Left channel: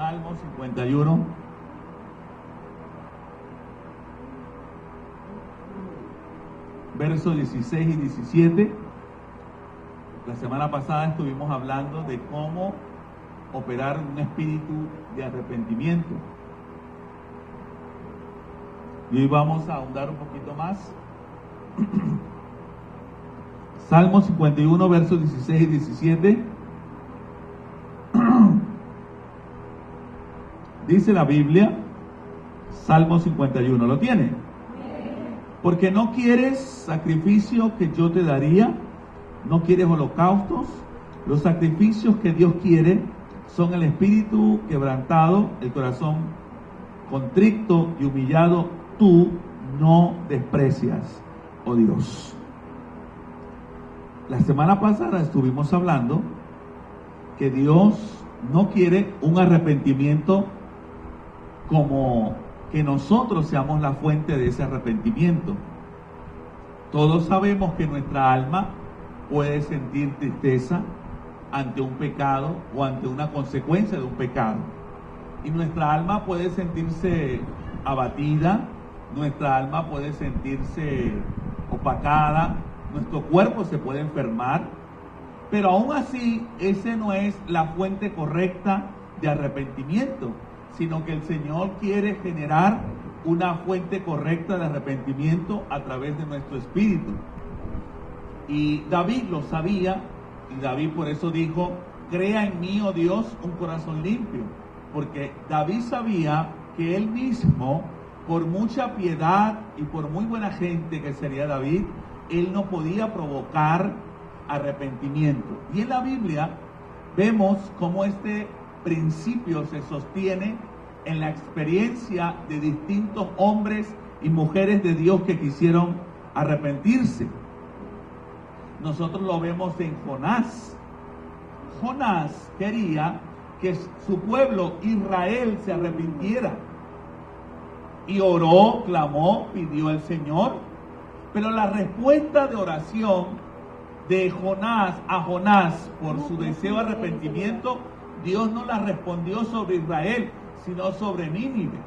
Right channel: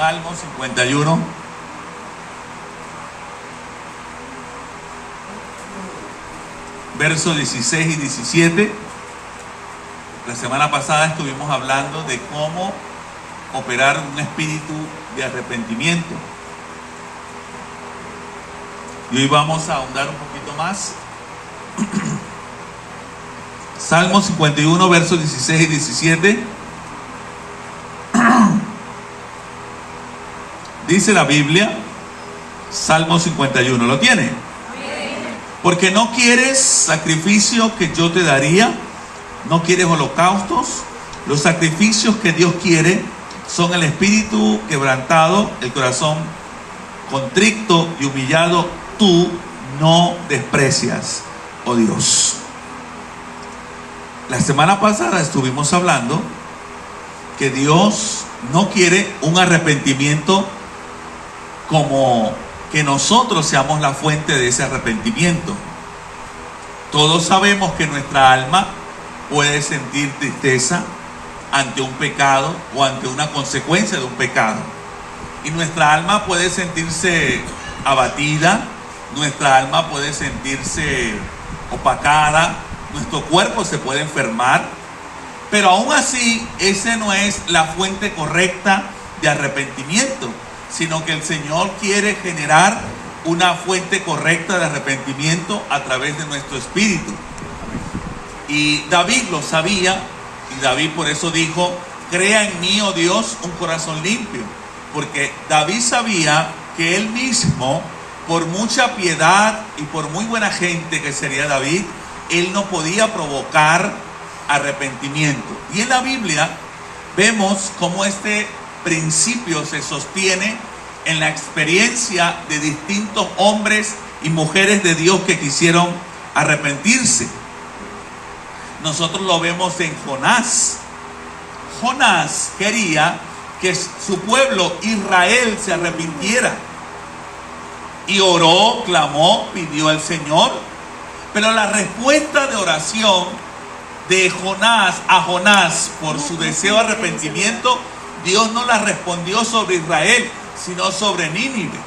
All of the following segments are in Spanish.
Salmo 51. Versos 16 y 17. La semana pasada estuvimos hablando de cómo operar un espíritu de arrepentimiento. Y hoy vamos a ahondar un poquito más. Salmo 51, versos 16 y 17. Dice la Biblia, Salmo 51, ¿lo tiene? Porque no quieres sacrificio que yo te daría, no quieres holocaustos. Los sacrificios que Dios quiere son el espíritu quebrantado, el corazón contrito y humillado. Tú no desprecias, oh Dios. La semana pasada estuvimos hablando que Dios no quiere un arrepentimiento como que nosotros seamos la fuente de ese arrepentimiento. Todos sabemos que nuestra alma puede sentir tristeza ante un pecado o ante una consecuencia de un pecado. Y nuestra alma puede sentirse abatida, nuestra alma puede sentirse opacada, nuestro cuerpo se puede enfermar, pero aún así esa no es la fuente correcta de arrepentimiento, sino que el Señor quiere generar una fuente correcta de arrepentimiento a través de nuestro espíritu. Y David lo sabía, y David por eso dijo: crea en mí, oh Dios, un corazón limpio. Porque David sabía que él mismo, por mucha piedad y por muy buena gente que sería David, él no podía provocar arrepentimiento. Y en la Biblia vemos cómo este principio se sostiene en la experiencia de distintos hombres y mujeres de Dios que quisieron arrepentirse. Nosotros lo vemos en Jonás. Jonás quería que su pueblo Israel se arrepintiera y oró, clamó, pidió al Señor, pero la respuesta de oración de Jonás a Jonás por su deseo de arrepentimiento, Dios no la respondió sobre Israel, sino sobre Nínive.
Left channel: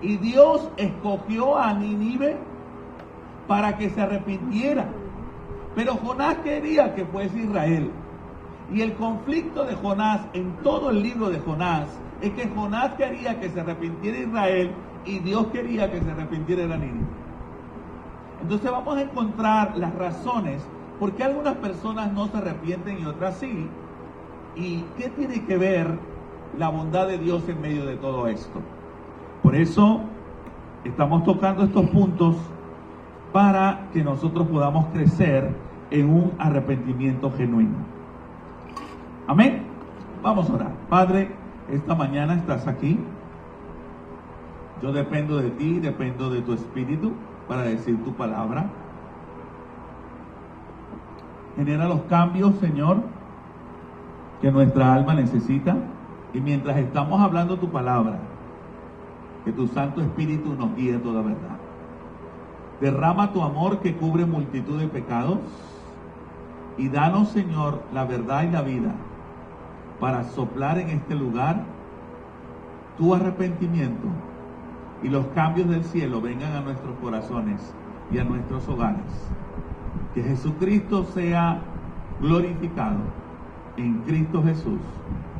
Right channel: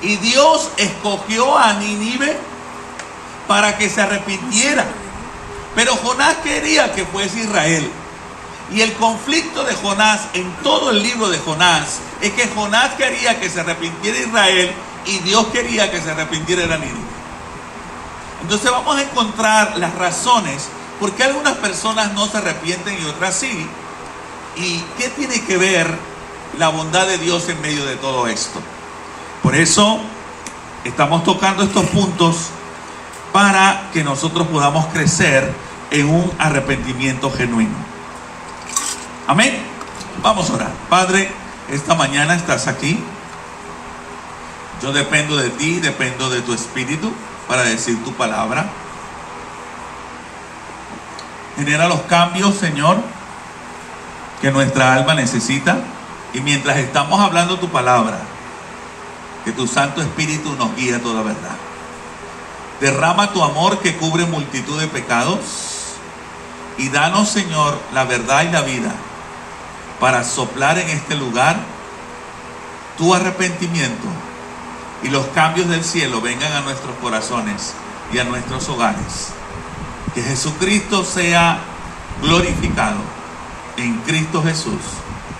Y Dios escogió a Nínive para que se arrepintiera, pero Jonás quería que fuese Israel. Y el conflicto de Jonás en todo el libro de Jonás es que Jonás quería que se arrepintiera Israel y Dios quería que se arrepintiera Nínive. Entonces vamos a encontrar las razones por qué algunas personas no se arrepienten y otras sí. ¿Y qué tiene que ver la bondad de Dios en medio de todo esto? Por eso estamos tocando estos puntos para que nosotros podamos crecer en un arrepentimiento genuino. Amén. Vamos a orar. Padre, esta mañana estás aquí. Yo dependo de ti, dependo de tu espíritu para decir tu palabra. Genera los cambios, Señor, que nuestra alma necesita. Y mientras estamos hablando tu palabra, que tu Santo Espíritu nos guíe a toda verdad. Derrama tu amor que cubre multitud de pecados. Y danos, Señor, la verdad y la vida para soplar en este lugar tu arrepentimiento y los cambios del cielo vengan a nuestros corazones y a nuestros hogares. Que Jesucristo sea glorificado en Cristo Jesús.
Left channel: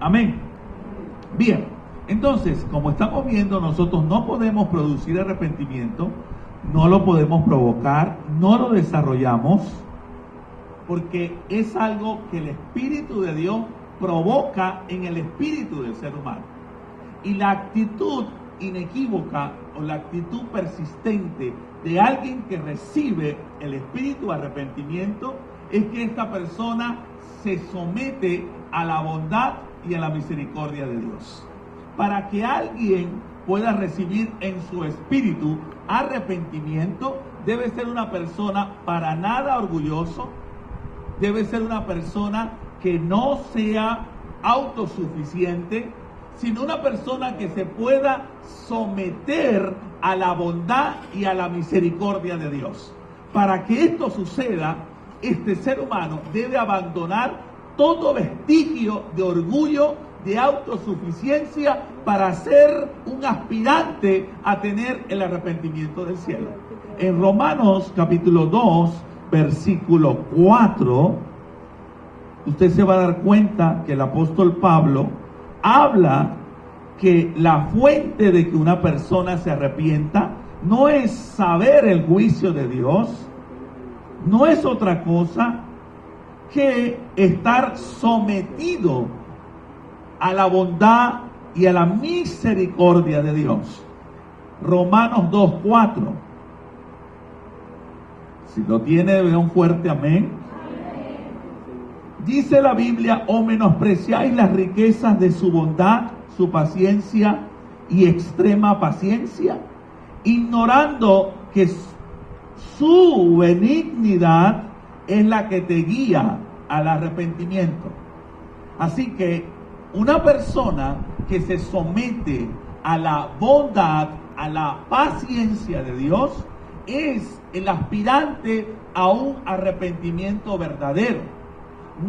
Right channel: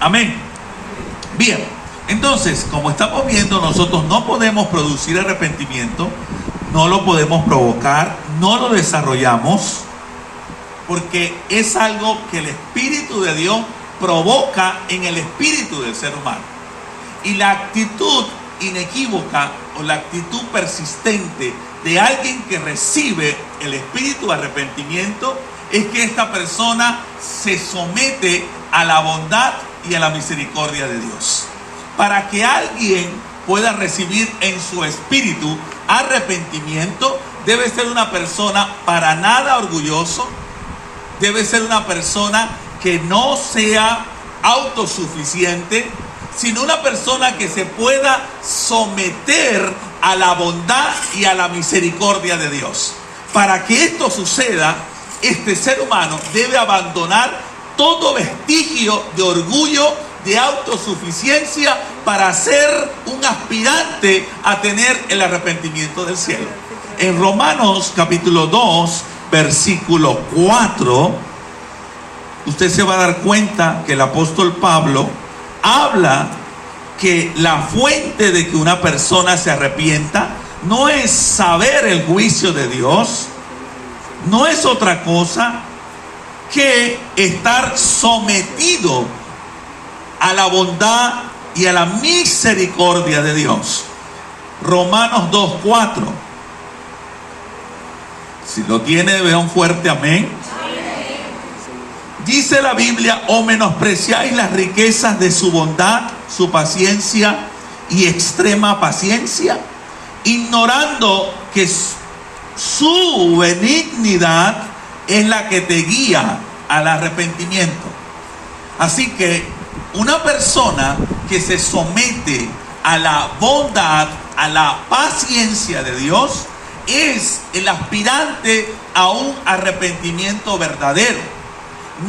Amén. Bien, entonces, como estamos viendo, nosotros no podemos producir arrepentimiento, no lo podemos provocar, no lo desarrollamos, porque es algo que el Espíritu de Dios provoca en el espíritu del ser humano. Y la actitud inequívoca o la actitud persistente de alguien que recibe el espíritu de arrepentimiento es que esta persona se somete a la bondad y a la misericordia de Dios. Para que alguien pueda recibir en su espíritu arrepentimiento, debe ser una persona para nada orgulloso, debe ser una persona que no sea autosuficiente, sino una persona que se pueda someter a la bondad y a la misericordia de Dios. Para que esto suceda, este ser humano debe abandonar todo vestigio de orgullo, de autosuficiencia para ser un aspirante a tener el arrepentimiento del cielo. En Romanos capítulo 2, versículo 4, usted se va a dar cuenta que el apóstol Pablo habla que la fuente de que una persona se arrepienta no es saber el juicio de Dios, no es otra cosa que estar sometido a la bondad y a la misericordia de Dios. Romanos 2:4. Si lo tiene, vea un fuerte amén. Dice la Biblia: o menospreciáis las riquezas de su bondad, su paciencia y extrema paciencia, ignorando que su benignidad es la que te guía al arrepentimiento. Así que una persona que se somete a la bondad, a la paciencia de Dios, es el aspirante a un arrepentimiento verdadero.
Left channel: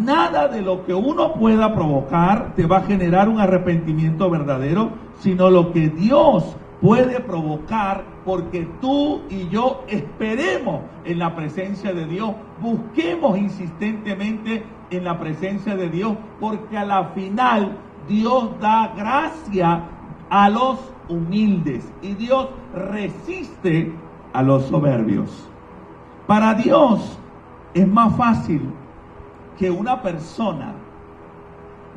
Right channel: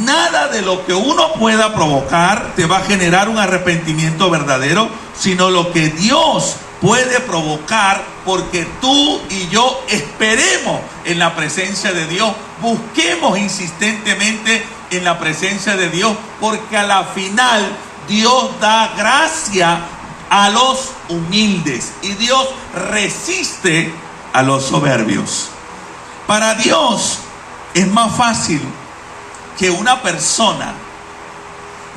Nada de lo que uno pueda provocar te va a generar un arrepentimiento verdadero, sino lo que Dios puede provocar, porque tú y yo esperemos en la presencia de Dios, busquemos insistentemente en la presencia de Dios, porque a la final Dios da gracia a los humildes y Dios resiste a los soberbios. Para Dios es más fácil que una persona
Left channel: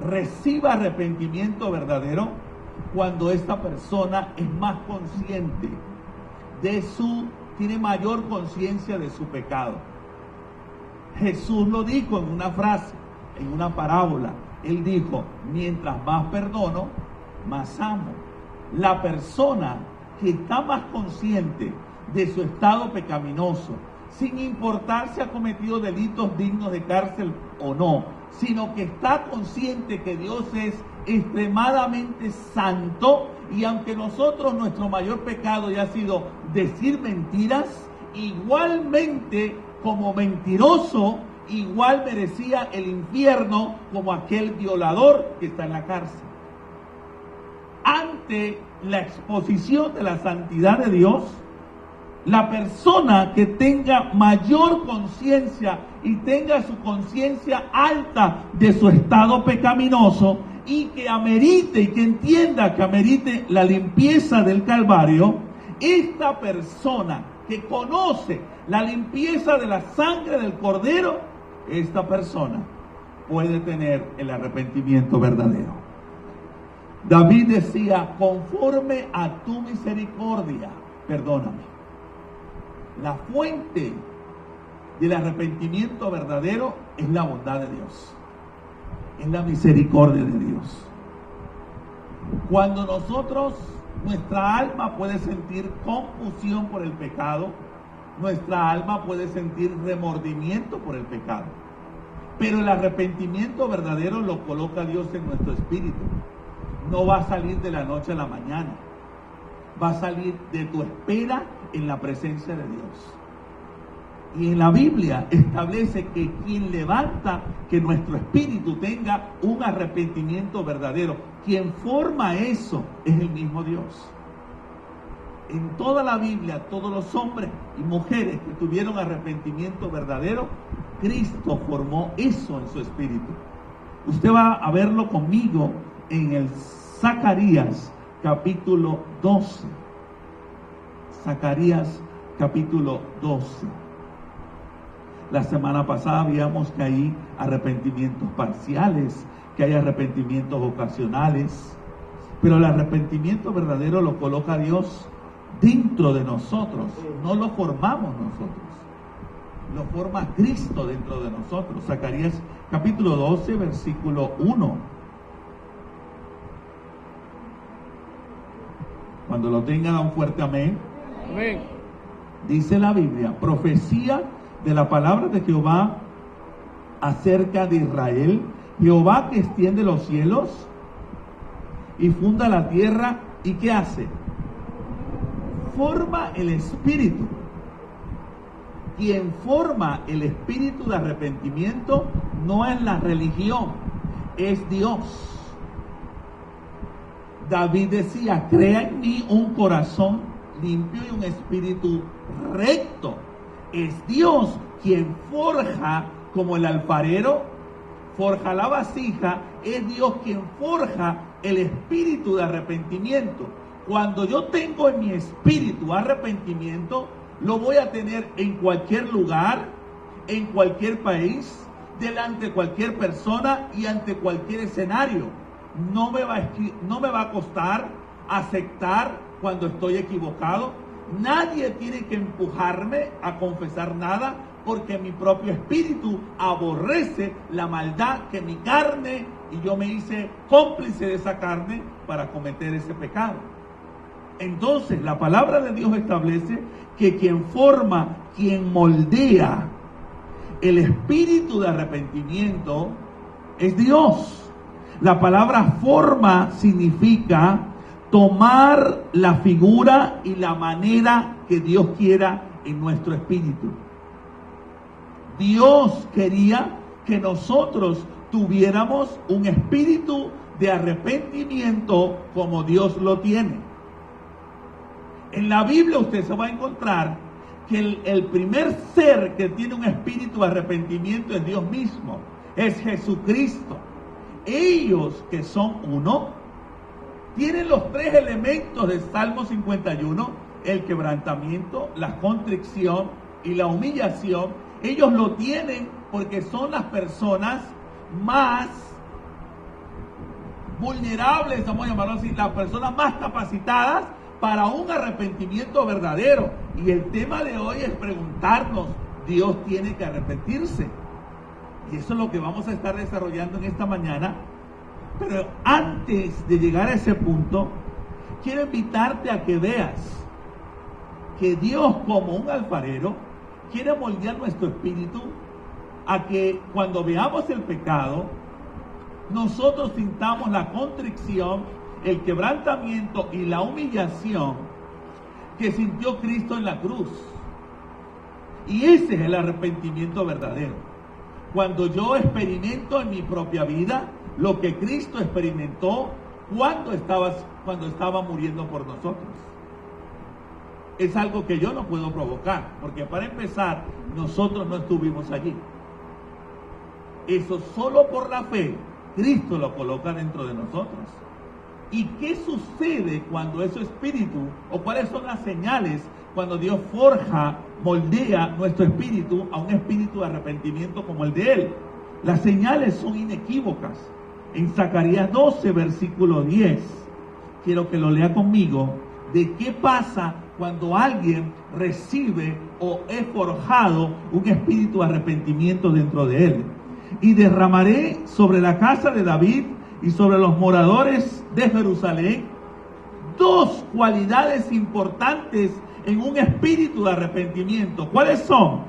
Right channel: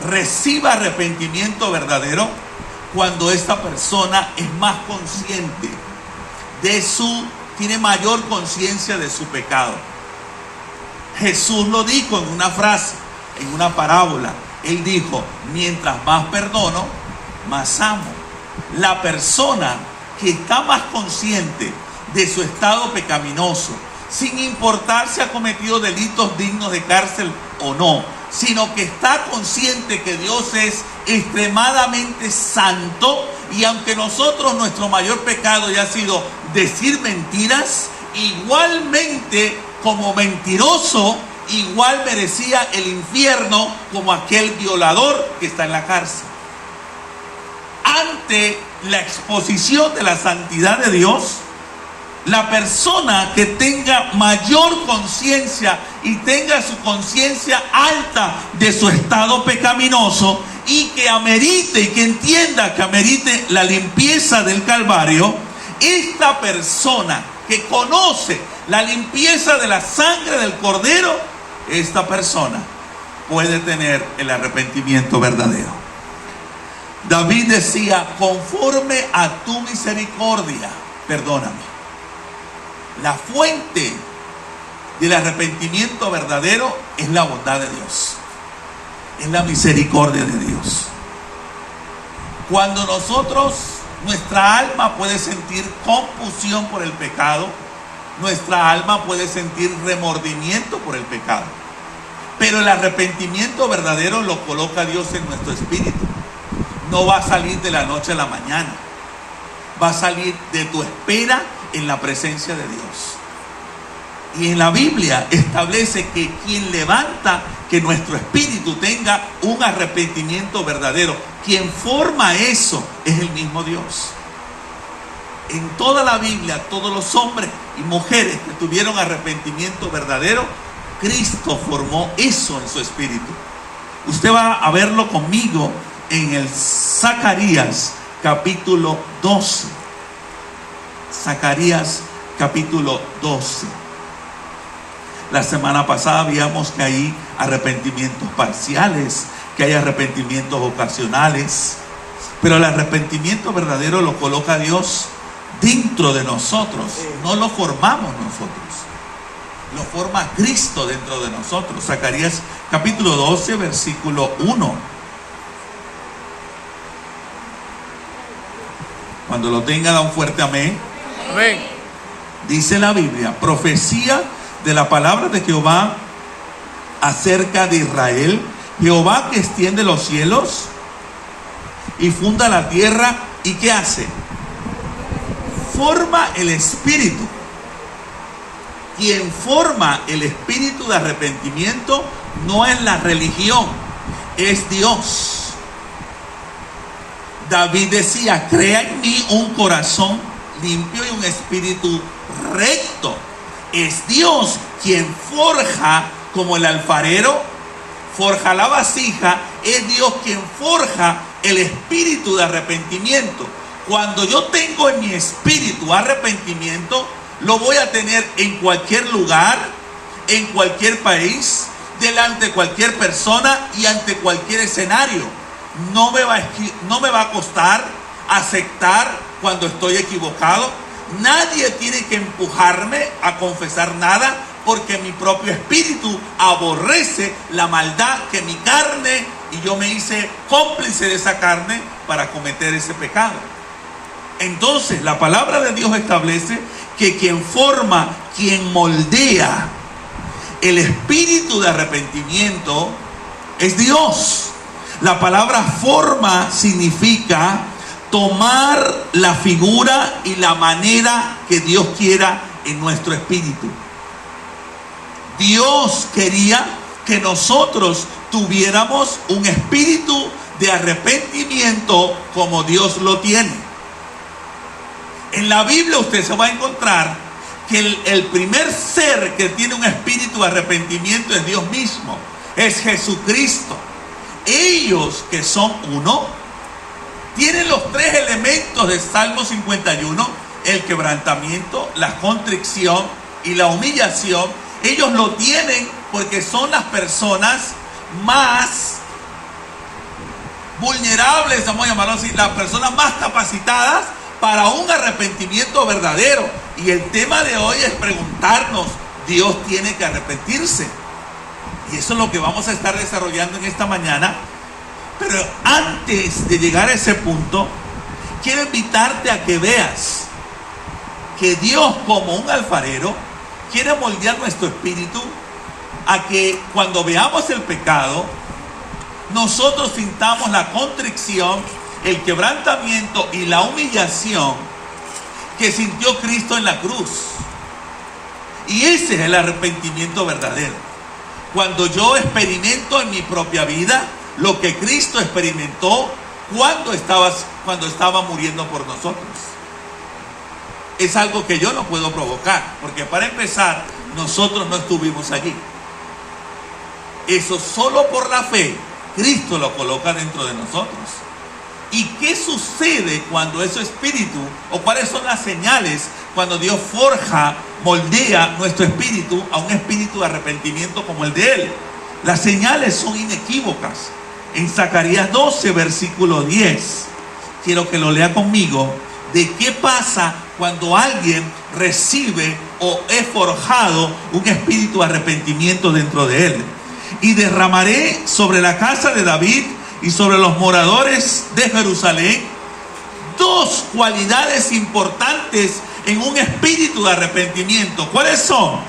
reciba arrepentimiento verdadero cuando esta persona es más consciente tiene mayor conciencia de su pecado. Jesús lo dijo en una frase, en una parábola. Él dijo: mientras más perdono, más amo. La persona que está más consciente de su estado pecaminoso, sin importar si ha cometido delitos dignos de cárcel o no, sino que está consciente que Dios es extremadamente santo, y aunque nosotros, nuestro mayor pecado haya sido decir mentiras, igualmente como mentiroso, igual merecía el infierno como aquel violador que está en la cárcel. Ante la exposición de la santidad de Dios, la persona que tenga mayor conciencia y tenga su conciencia alta de su estado pecaminoso, y que amerite y que entienda que amerite la limpieza del Calvario, esta persona que conoce la limpieza de la sangre del Cordero, esta persona puede tener el arrepentimiento verdadero. David decía: conforme a tu misericordia, perdóname. La fuente del arrepentimiento verdadero es la bondad de Dios, es la misericordia de Dios. Cuando nuestra alma puede sentir confusión por el pecado, nuestra alma puede sentir remordimiento por el pecado, pero el arrepentimiento verdadero lo coloca Dios en nuestro espíritu. No va a salir de la noche a la mañana, va a salir de tu espera en la presencia de Dios. Y en la Biblia establece que quien levanta que nuestro espíritu tenga un arrepentimiento verdadero, quien forma eso, es el mismo Dios. En toda la Biblia, todos los hombres y mujeres que tuvieron arrepentimiento verdadero, Cristo formó eso en su espíritu. Usted va a verlo conmigo en el Zacarías capítulo 12. Zacarías capítulo 12. La semana pasada veíamos que hay arrepentimientos parciales, que hay arrepentimientos ocasionales, pero el arrepentimiento verdadero lo coloca Dios dentro de nosotros, no lo formamos nosotros, lo forma Cristo dentro de nosotros. Zacarías capítulo 12, versículo 1. Cuando lo tenga, da un fuerte amén. Amén. Dice la Biblia: profecía de la palabra de Jehová acerca de Israel, Jehová que extiende los cielos y funda la tierra. ¿Y qué hace? Forma el espíritu. Quien forma el espíritu de arrepentimiento no es la religión, es Dios. David decía: crea en mí un corazón limpio y un espíritu recto. Es Dios quien forja, como el alfarero forja la vasija, es Dios quien forja el espíritu de arrepentimiento. Cuando yo tengo en mi espíritu arrepentimiento, lo voy a tener en cualquier lugar, en cualquier país, delante de cualquier persona y ante cualquier escenario. No me va a costar aceptar cuando estoy equivocado. Nadie tiene que empujarme a confesar nada, porque mi propio espíritu aborrece la maldad que mi carne, y yo me hice cómplice de esa carne para cometer ese pecado. Entonces la palabra de Dios establece que quien forma, quien moldea el espíritu de arrepentimiento es Dios. La palabra forma significa tomar la figura y la manera que Dios quiera en nuestro espíritu. Dios quería que nosotros tuviéramos un espíritu de arrepentimiento como Dios lo tiene. En la Biblia usted se va a encontrar que el primer ser que tiene un espíritu de arrepentimiento es Dios mismo, es Jesucristo. Ellos, que son uno, tienen los tres elementos del Salmo 51, el quebrantamiento, la contrición y la humillación. Ellos lo tienen porque son las personas más vulnerables, vamos a llamarlo así, las personas más capacitadas para un arrepentimiento verdadero. Y el tema de hoy es preguntarnos: ¿Dios tiene que arrepentirse? Y eso es lo que vamos a estar desarrollando en esta mañana. Pero antes de llegar a ese punto, quiero invitarte a que veas que Dios, como un alfarero, quiere moldear nuestro espíritu a que cuando veamos el pecado, nosotros sintamos la contrición, el quebrantamiento y la humillación que sintió Cristo en la cruz. Y ese es el arrepentimiento verdadero. Cuando yo experimento en mi propia vida lo que Cristo experimentó cuando estaba muriendo por nosotros. Es algo que yo no puedo provocar, porque para empezar, nosotros no estuvimos allí. Eso solo por la fe, Cristo lo coloca dentro de nosotros. ¿Y qué sucede cuando ese espíritu, o cuáles son las señales cuando Dios forja, moldea nuestro espíritu a un espíritu de arrepentimiento como el de Él? Las señales son inequívocas. En Zacarías 12, versículo 10, quiero que lo lea conmigo, de qué pasa cuando alguien recibe o es forjado un espíritu de arrepentimiento dentro de él. Y derramaré sobre la casa de David y sobre los moradores de Jerusalén dos cualidades importantes en un espíritu de arrepentimiento. ¿Cuáles son?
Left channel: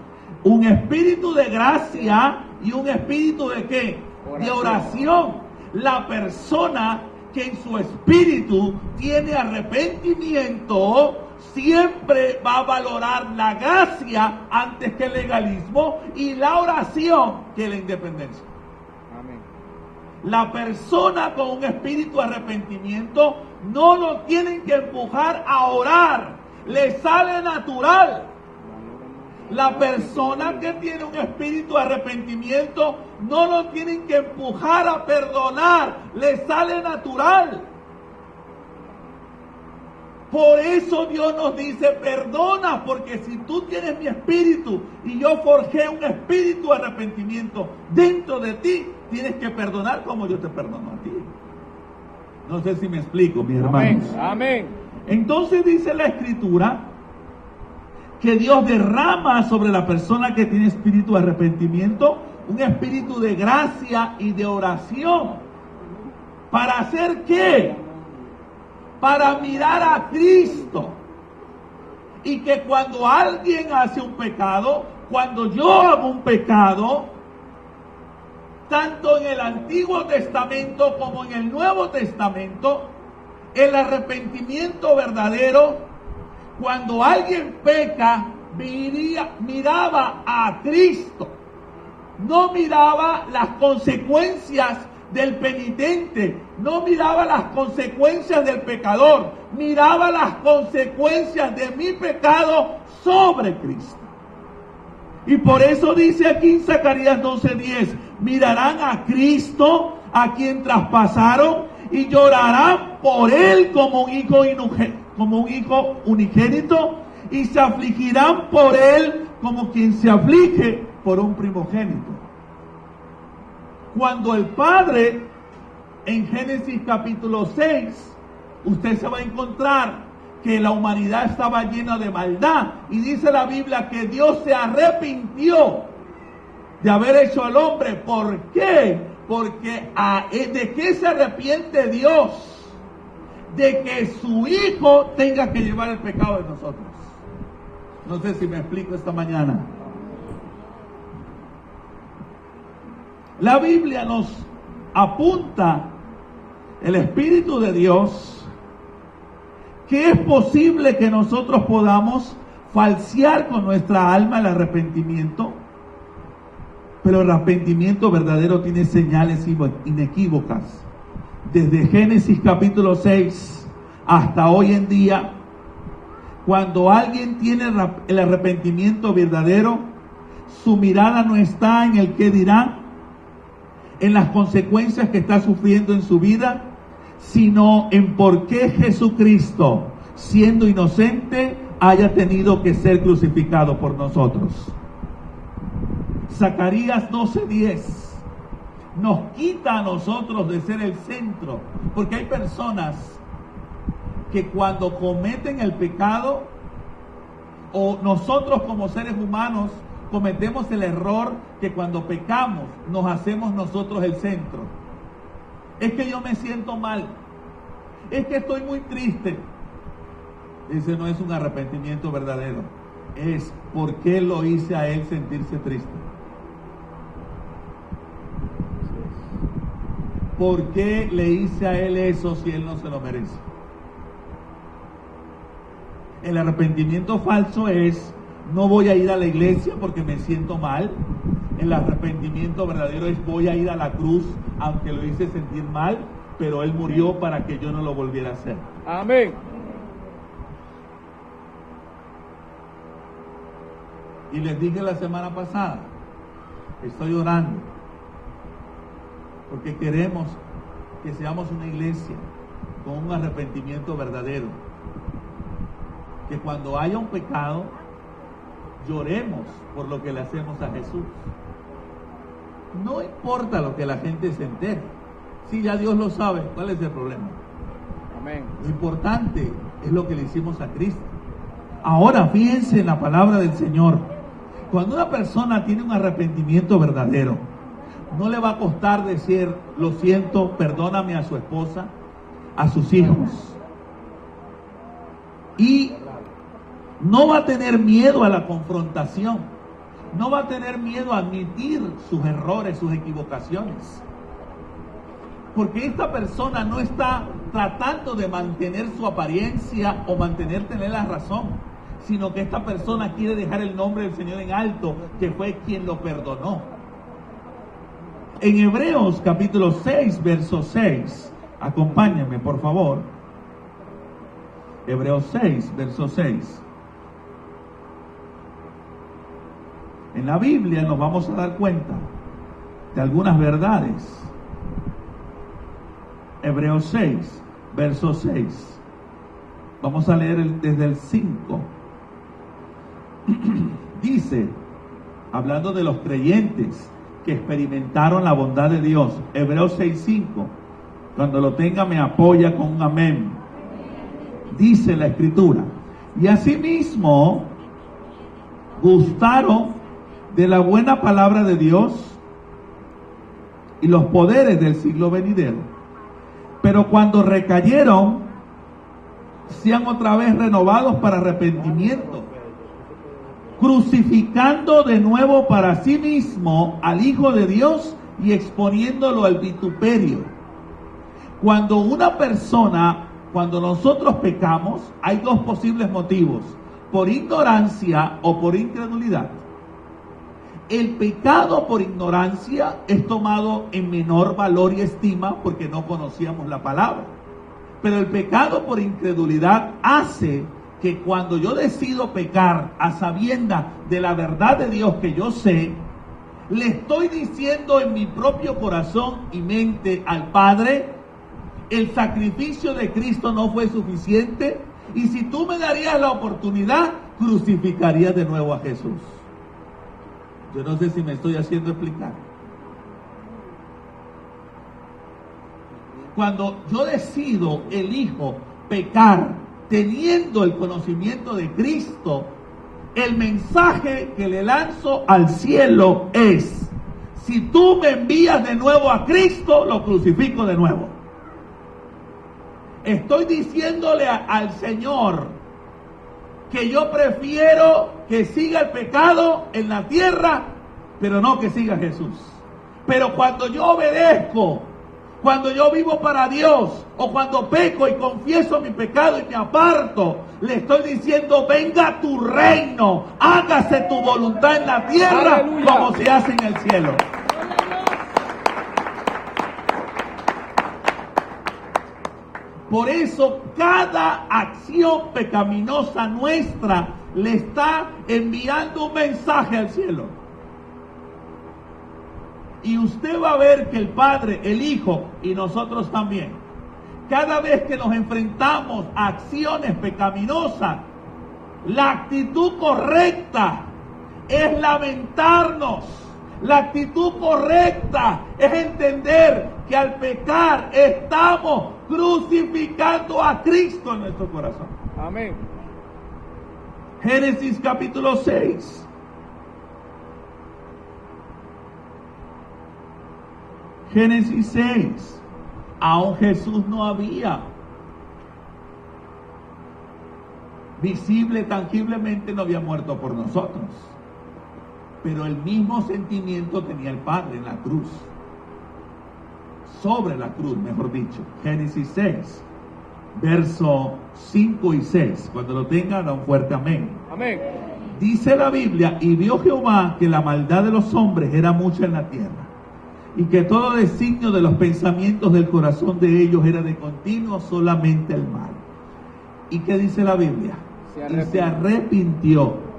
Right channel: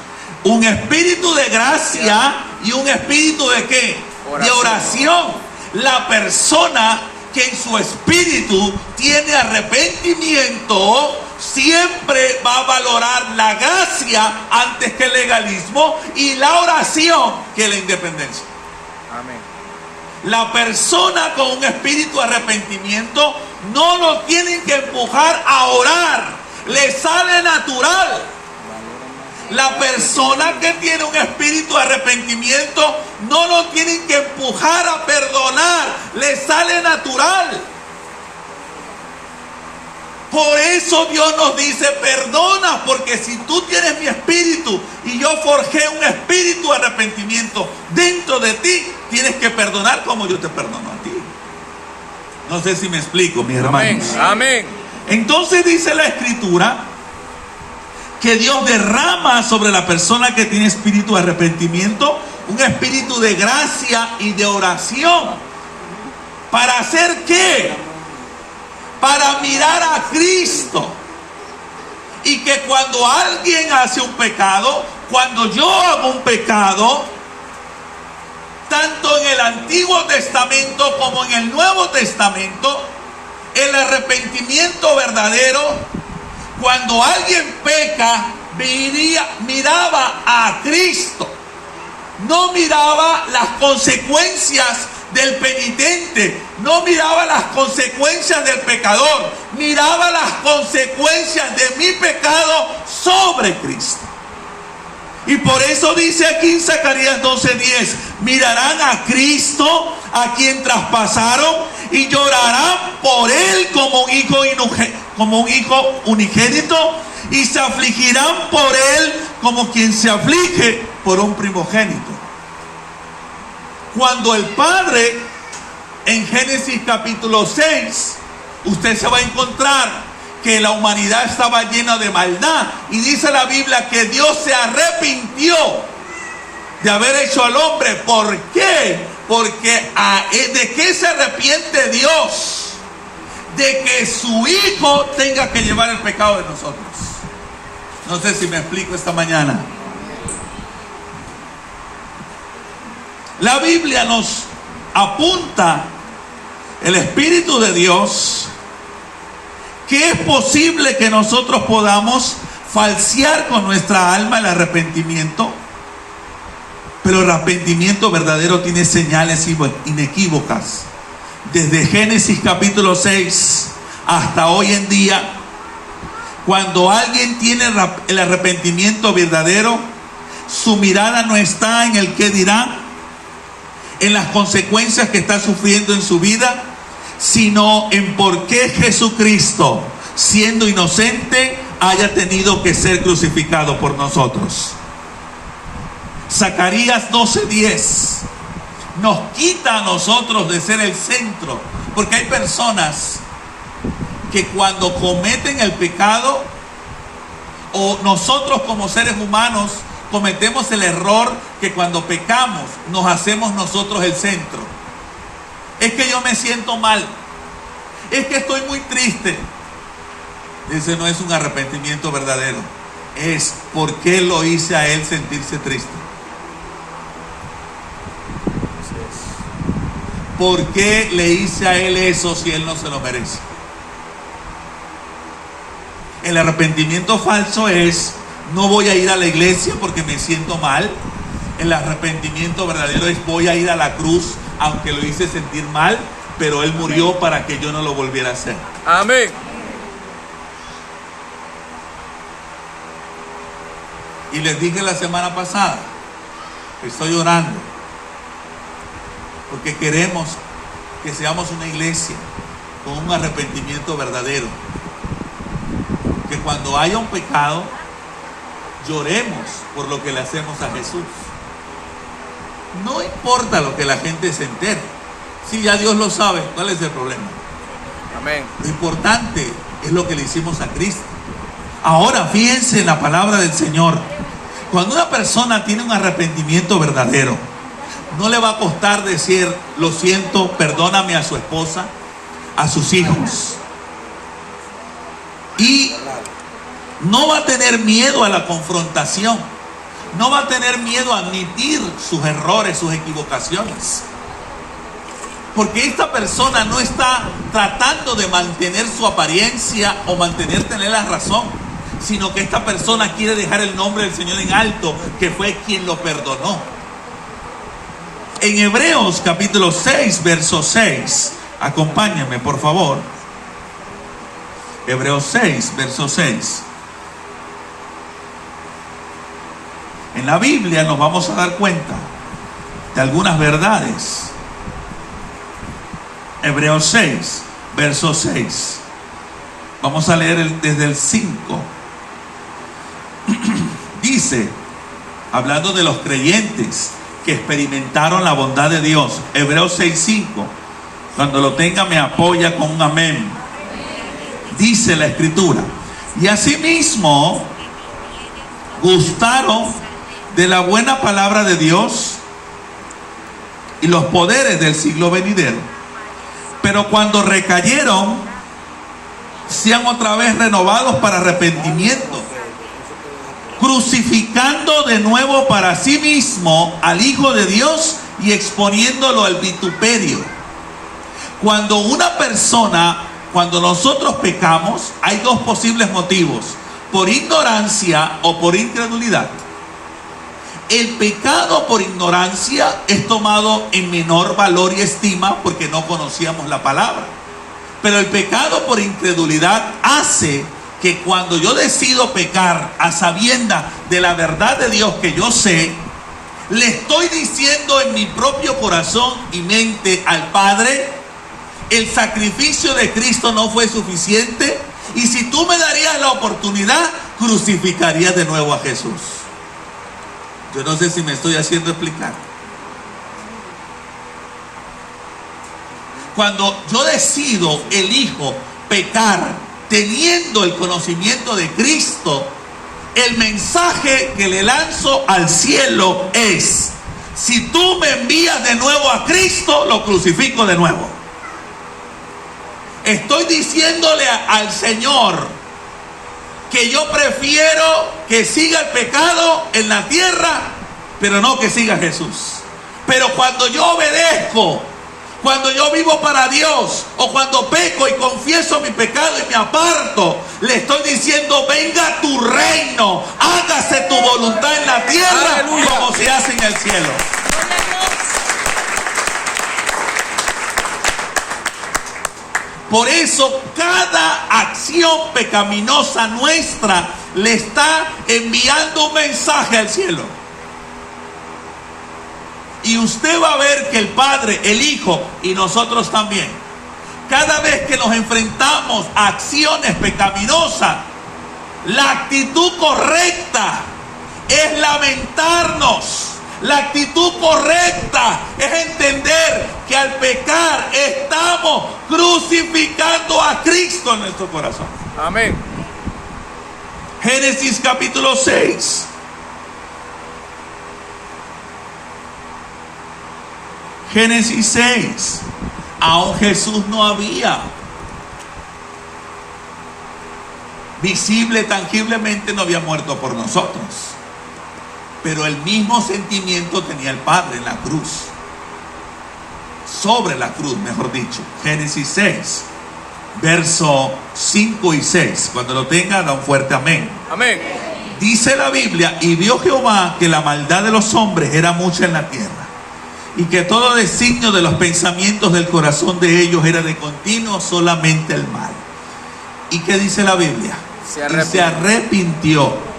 Un espíritu de gracia y un espíritu de ¿qué? De oración. La persona que en su espíritu tiene arrepentimiento siempre va a valorar la gracia antes que el legalismo y la oración que la independencia. Amén. La persona con un espíritu de arrepentimiento no lo tienen que empujar a orar, le sale natural. La persona que tiene un espíritu de arrepentimiento no lo tienen que empujar a perdonar, le sale natural. Por eso Dios nos dice: perdona, porque si tú tienes mi espíritu y yo forjé un espíritu de arrepentimiento dentro de ti, tienes que perdonar como yo te perdono a ti. No sé si me explico, mis hermanos. Amén. Entonces dice la Escritura que Dios derrama sobre la persona que tiene espíritu de arrepentimiento un espíritu de gracia y de oración. ¿Para hacer qué? Para mirar a Cristo. Y que cuando alguien hace un pecado, cuando yo hago un pecado, tanto en el Antiguo Testamento como en el Nuevo Testamento, el arrepentimiento verdadero, cuando alguien peca, miraba a Cristo. No miraba las consecuencias del penitente, no miraba las consecuencias del pecador, miraba las consecuencias de mi pecado sobre Cristo. Y por eso dice aquí en Zacarías 12:10, mirarán a Cristo, a quien traspasaron, y llorarán por él como un hijo unigénito, y se afligirán por él como quien se aflige por un primogénito. Cuando el Padre, en Génesis capítulo 6, usted se va a encontrar que la humanidad estaba llena de maldad, y dice la Biblia que Dios se arrepintió de haber hecho al hombre. ¿Por qué? Porque ¿de qué se arrepiente Dios? De que su Hijo tenga que llevar el pecado de nosotros. No sé si me explico esta mañana. La Biblia nos apunta, el Espíritu de Dios, que es posible que nosotros podamos falsear con nuestra alma el arrepentimiento, pero el arrepentimiento verdadero tiene señales inequívocas. Desde Génesis capítulo 6 hasta hoy en día, cuando alguien tiene el arrepentimiento verdadero, su mirada no está en el qué dirán, en las consecuencias que está sufriendo en su vida, sino en por qué Jesucristo, siendo inocente, haya tenido que ser crucificado por nosotros. Zacarías 12:10 nos quita a nosotros de ser el centro, porque hay personas que cuando cometen el pecado, o nosotros como seres humanos cometemos el error que cuando pecamos nos hacemos nosotros el centro. Es que yo me siento mal, es que estoy muy triste. Ese no es un arrepentimiento verdadero. Es por qué lo hice a él sentirse triste. ¿Por qué le hice a él eso si él no se lo merece? El arrepentimiento falso es: no voy a ir a la iglesia porque me siento mal. El arrepentimiento verdadero es: voy a ir a la cruz aunque lo hice sentir mal, pero él murió para que yo no lo volviera a hacer. Amén. Y les dije la semana pasada, estoy orando porque queremos que seamos una iglesia con un arrepentimiento verdadero, que cuando haya un pecado lloremos por lo que le hacemos a Jesús. No importa lo que la gente se entere, si ya Dios lo sabe, ¿cuál es el problema? Amén. Lo importante es lo que le hicimos a Cristo. Ahora fíjense en la palabra del Señor. Cuando una persona tiene un arrepentimiento verdadero, no le va a costar decir: lo siento, perdóname, a su esposa, a sus hijos. Y no va a tener miedo a la confrontación. No va a tener miedo a admitir sus errores, sus equivocaciones. Porque esta persona no está tratando de mantener su apariencia o tener la razón, sino que esta persona quiere dejar el nombre del Señor en alto, que fue quien lo perdonó. En Hebreos capítulo 6, verso 6, acompáñame por favor. Hebreos 6, verso 6. En la Biblia nos vamos a dar cuenta de algunas verdades. Hebreos 6, verso 6. Vamos a leer desde el 5. Dice, hablando de los creyentes que experimentaron la bondad de Dios, Hebreos 6:5. Cuando lo tenga me apoya con un amén. Dice la Escritura: y asimismo gustaron de la buena palabra de Dios y los poderes del siglo venidero, pero cuando recayeron, sean otra vez renovados para arrepentimiento, crucificando de nuevo para sí mismo al Hijo de Dios y exponiéndolo al vituperio. Cuando nosotros pecamos, hay dos posibles motivos: por ignorancia o por incredulidad. El pecado por ignorancia es tomado en menor valor y estima porque no conocíamos la palabra. Pero el pecado por incredulidad hace que cuando yo decido pecar a sabiendas de la verdad de Dios que yo sé, le estoy diciendo en mi propio corazón y mente al Padre: el sacrificio de Cristo no fue suficiente, y si tú me darías la oportunidad, crucificaría de nuevo a Jesús. Yo no sé si me estoy haciendo explicar. Cuando yo decido, elijo pecar teniendo el conocimiento de Cristo, el mensaje que le lanzo al cielo es: si tú me envías de nuevo a Cristo, lo crucifico de nuevo. Estoy diciéndole al Señor que yo prefiero que siga el pecado en la tierra, pero no que siga Jesús. Pero cuando yo obedezco, cuando yo vivo para Dios, o cuando peco y confieso mi pecado y me aparto, le estoy diciendo: venga tu reino, hágase tu voluntad en la tierra, ¡aleluya!, como se hace en el cielo. Por eso cada acción pecaminosa nuestra le está enviando un mensaje al cielo. Y usted va a ver que el Padre, el Hijo y nosotros también, cada vez que nos enfrentamos a acciones pecaminosas, la actitud correcta es lamentarnos. La actitud correcta es entender que al pecar estamos crucificando a Cristo en nuestro corazón. Amén. Génesis capítulo 6. Génesis 6. Aún Jesús no había visible, tangiblemente no había muerto por nosotros. Pero el mismo sentimiento tenía el Padre en la cruz. Sobre la cruz, mejor dicho. Génesis 6, verso 5 y 6. Cuando lo tenga, da un fuerte amén. Amén. Dice la Biblia: y vio Jehová que la maldad de los hombres era mucha en la tierra, y que todo designio de los pensamientos del corazón de ellos era de continuo solamente el mal. ¿Y qué dice la Biblia? Se arrepintió.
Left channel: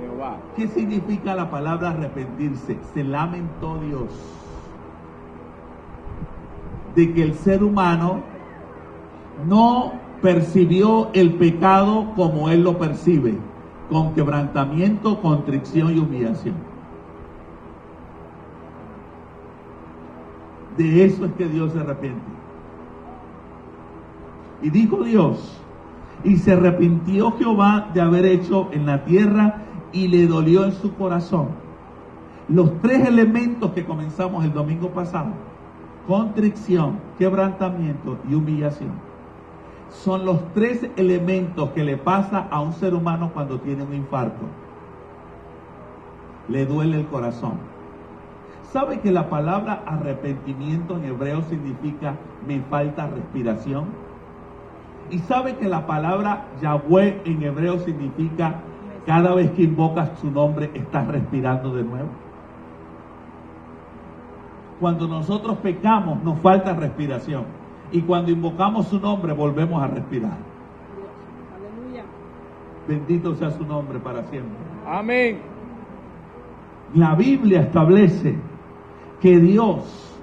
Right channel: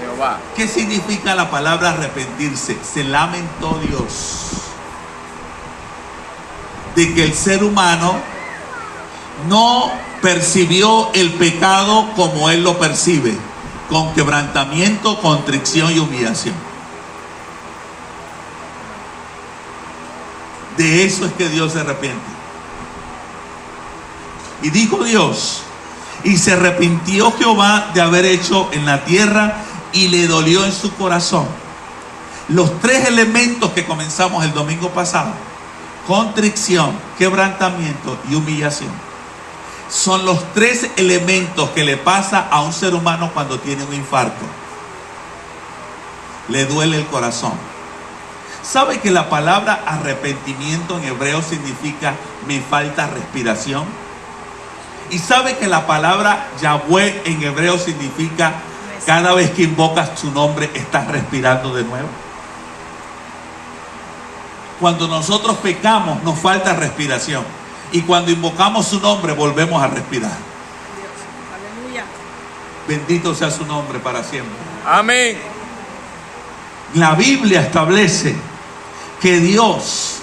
Jehová. ¿Qué significa la palabra arrepentirse? Se lamentó Dios de que el ser humano no percibió el pecado como él lo percibe, con quebrantamiento, contrición y humillación. De eso es que Dios se arrepiente. Y dijo Dios: y se arrepintió Jehová de haber hecho en la tierra, y le dolió en su corazón. Los tres elementos que comenzamos el domingo pasado: contrición, quebrantamiento y humillación, son los tres elementos que le pasa a un ser humano cuando tiene un infarto. Le duele el corazón. ¿Sabe que la palabra arrepentimiento en hebreo significa me falta respiración? ¿Y sabe que la palabra Yahweh en hebreo significa cada vez que invocas su nombre estás respirando de nuevo? Cuando nosotros pecamos nos falta respiración, y cuando invocamos su nombre volvemos a respirar. Aleluya. Bendito sea su nombre para siempre. Amén. La Biblia establece que Dios,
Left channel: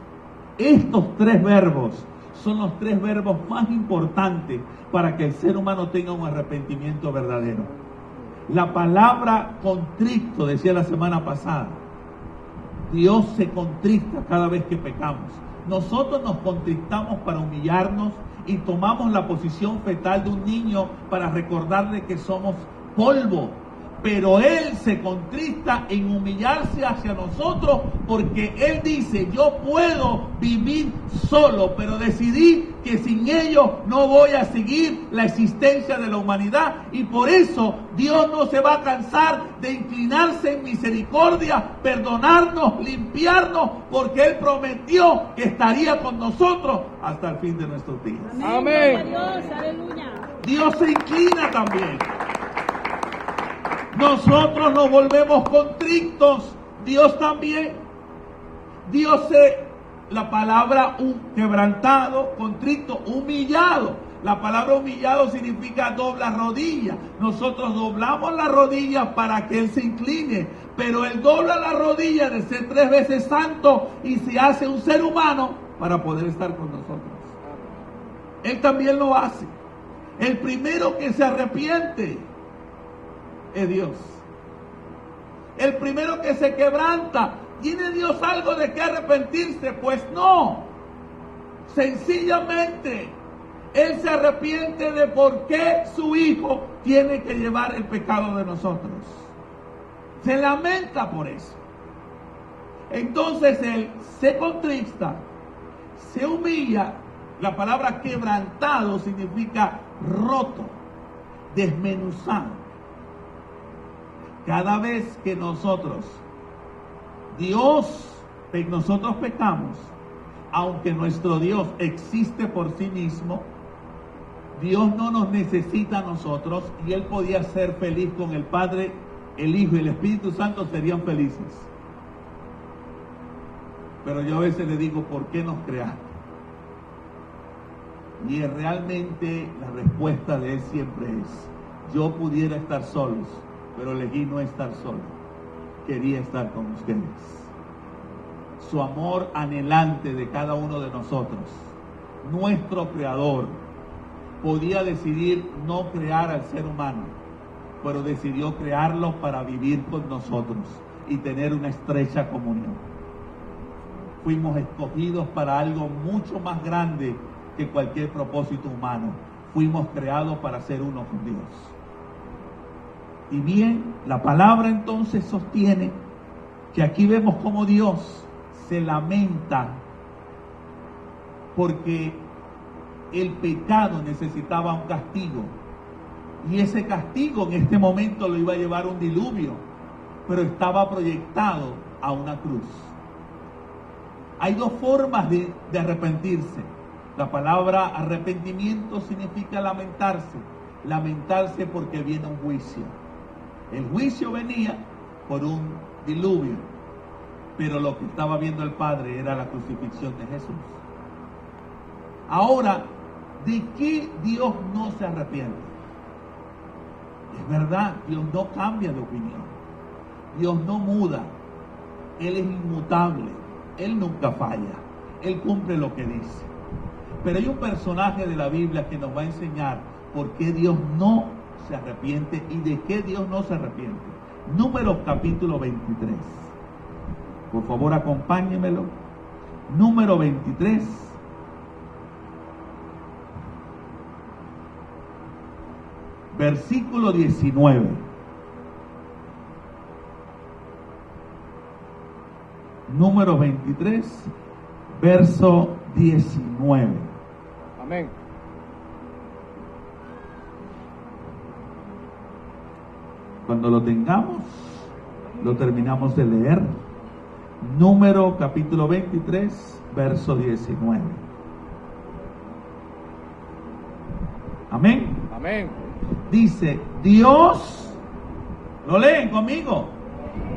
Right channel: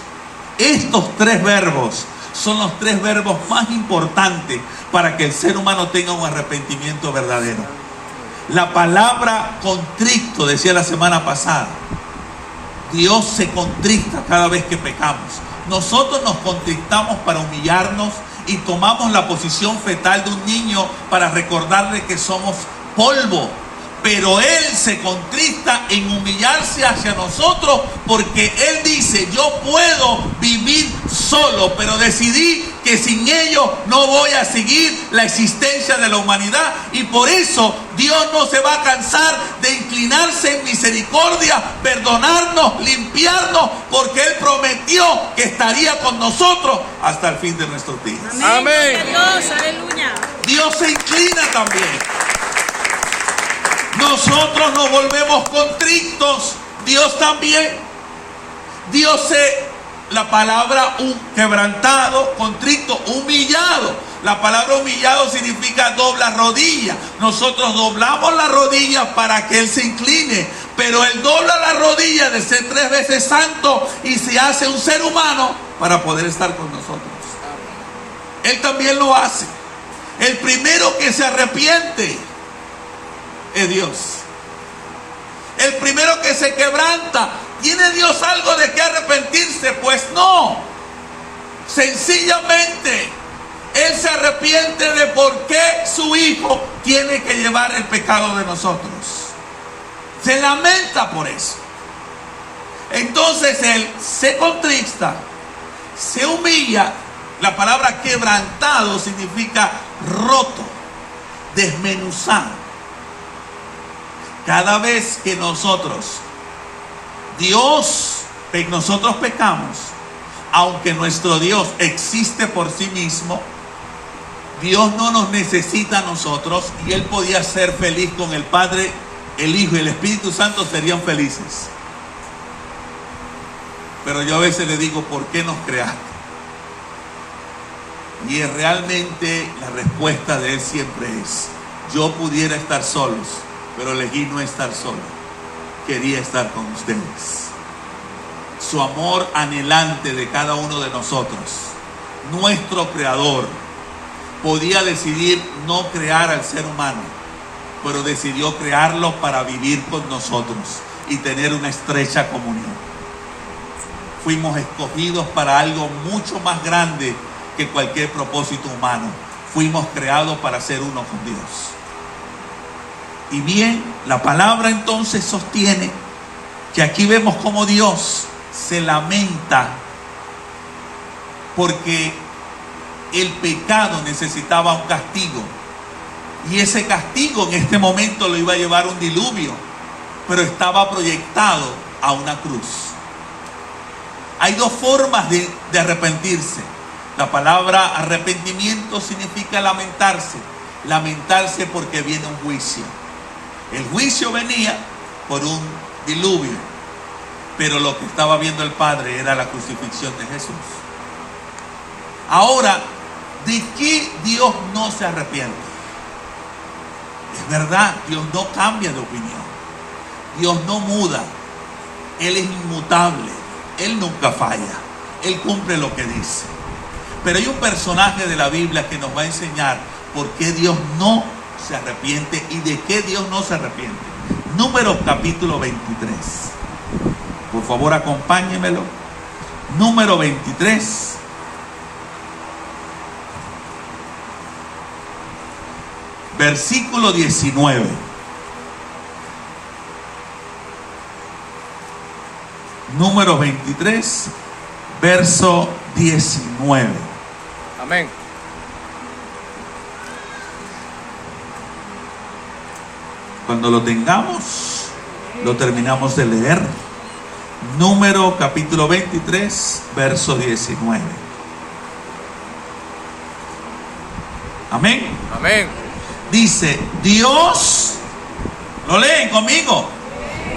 estos tres verbos son los tres verbos más importantes para que el ser humano tenga un arrepentimiento verdadero. La palabra contrito, decía la semana pasada, Dios se contrista cada vez que pecamos. Nosotros nos contristamos para humillarnos y tomamos la posición fetal de un niño para recordarle que somos polvo. Pero Él se contrista en humillarse hacia nosotros, porque Él dice: yo puedo vivir solo, pero decidí que sin ellos no voy a seguir la existencia de la humanidad. Y por eso Dios no se va a cansar de inclinarse en misericordia, perdonarnos, limpiarnos, porque Él prometió que estaría con nosotros hasta el fin de nuestros días. Amén. Dios, aleluya. Dios se inclina también. Nosotros nos volvemos contritos Dios también. La palabra quebrantado, contrito, humillado. La palabra humillado significa doblar rodillas. Nosotros doblamos las rodillas para que Él se incline, pero Él dobla la rodilla de ser 3 veces santo y se hace un ser humano para poder estar con nosotros. Él también lo hace. El primero que se arrepiente es Dios. El primero que se quebranta. ¿Tiene Dios algo de qué arrepentirse? Pues no. Sencillamente, Él se arrepiente de por qué su Hijo tiene que llevar el pecado de nosotros. Se lamenta por eso. Entonces Él se contrista, se humilla. La palabra quebrantado significa roto, desmenuzado. Cada vez que nosotros pecamos, aunque nuestro Dios existe por sí mismo, Dios no nos necesita a nosotros y Él podía ser feliz con el Padre, el Hijo y el Espíritu Santo serían felices. Pero yo a veces le digo, ¿por qué nos creaste? Y realmente la respuesta de Él siempre es, yo pudiera estar solos, pero elegí no estar solo. Quería estar con ustedes. Su amor anhelante de cada uno de nosotros, nuestro creador, podía decidir no crear al ser humano, pero decidió crearlo para vivir con nosotros y tener una estrecha comunión. Fuimos escogidos para algo mucho más grande que cualquier propósito humano. Fuimos creados para ser uno con Dios. Y bien, la palabra entonces sostiene que aquí vemos cómo Dios se lamenta porque el pecado necesitaba un castigo. Y ese castigo en este momento lo iba a llevar un diluvio, pero estaba proyectado a una cruz. Hay 2 formas de arrepentirse. La palabra arrepentimiento significa lamentarse. Lamentarse porque viene un juicio. El juicio venía por un diluvio, pero lo que estaba viendo el Padre era la crucifixión de Jesús. Ahora, ¿de qué Dios no se arrepiente? Es verdad, Dios no cambia de opinión. Dios no muda. Él es inmutable. Él nunca falla. Él cumple lo que dice. Pero hay un personaje de la Biblia que nos va a enseñar por qué Dios no se arrepiente y de qué Dios no se arrepiente. Números capítulo 23. Por favor, acompáñemelo. Número 23. Versículo 19. Número 23, verso 19. Amén. Cuando lo tengamos, lo terminamos de leer. Número capítulo 23, verso 19. Amén. Amén. Dice, Dios, ¿lo leen conmigo?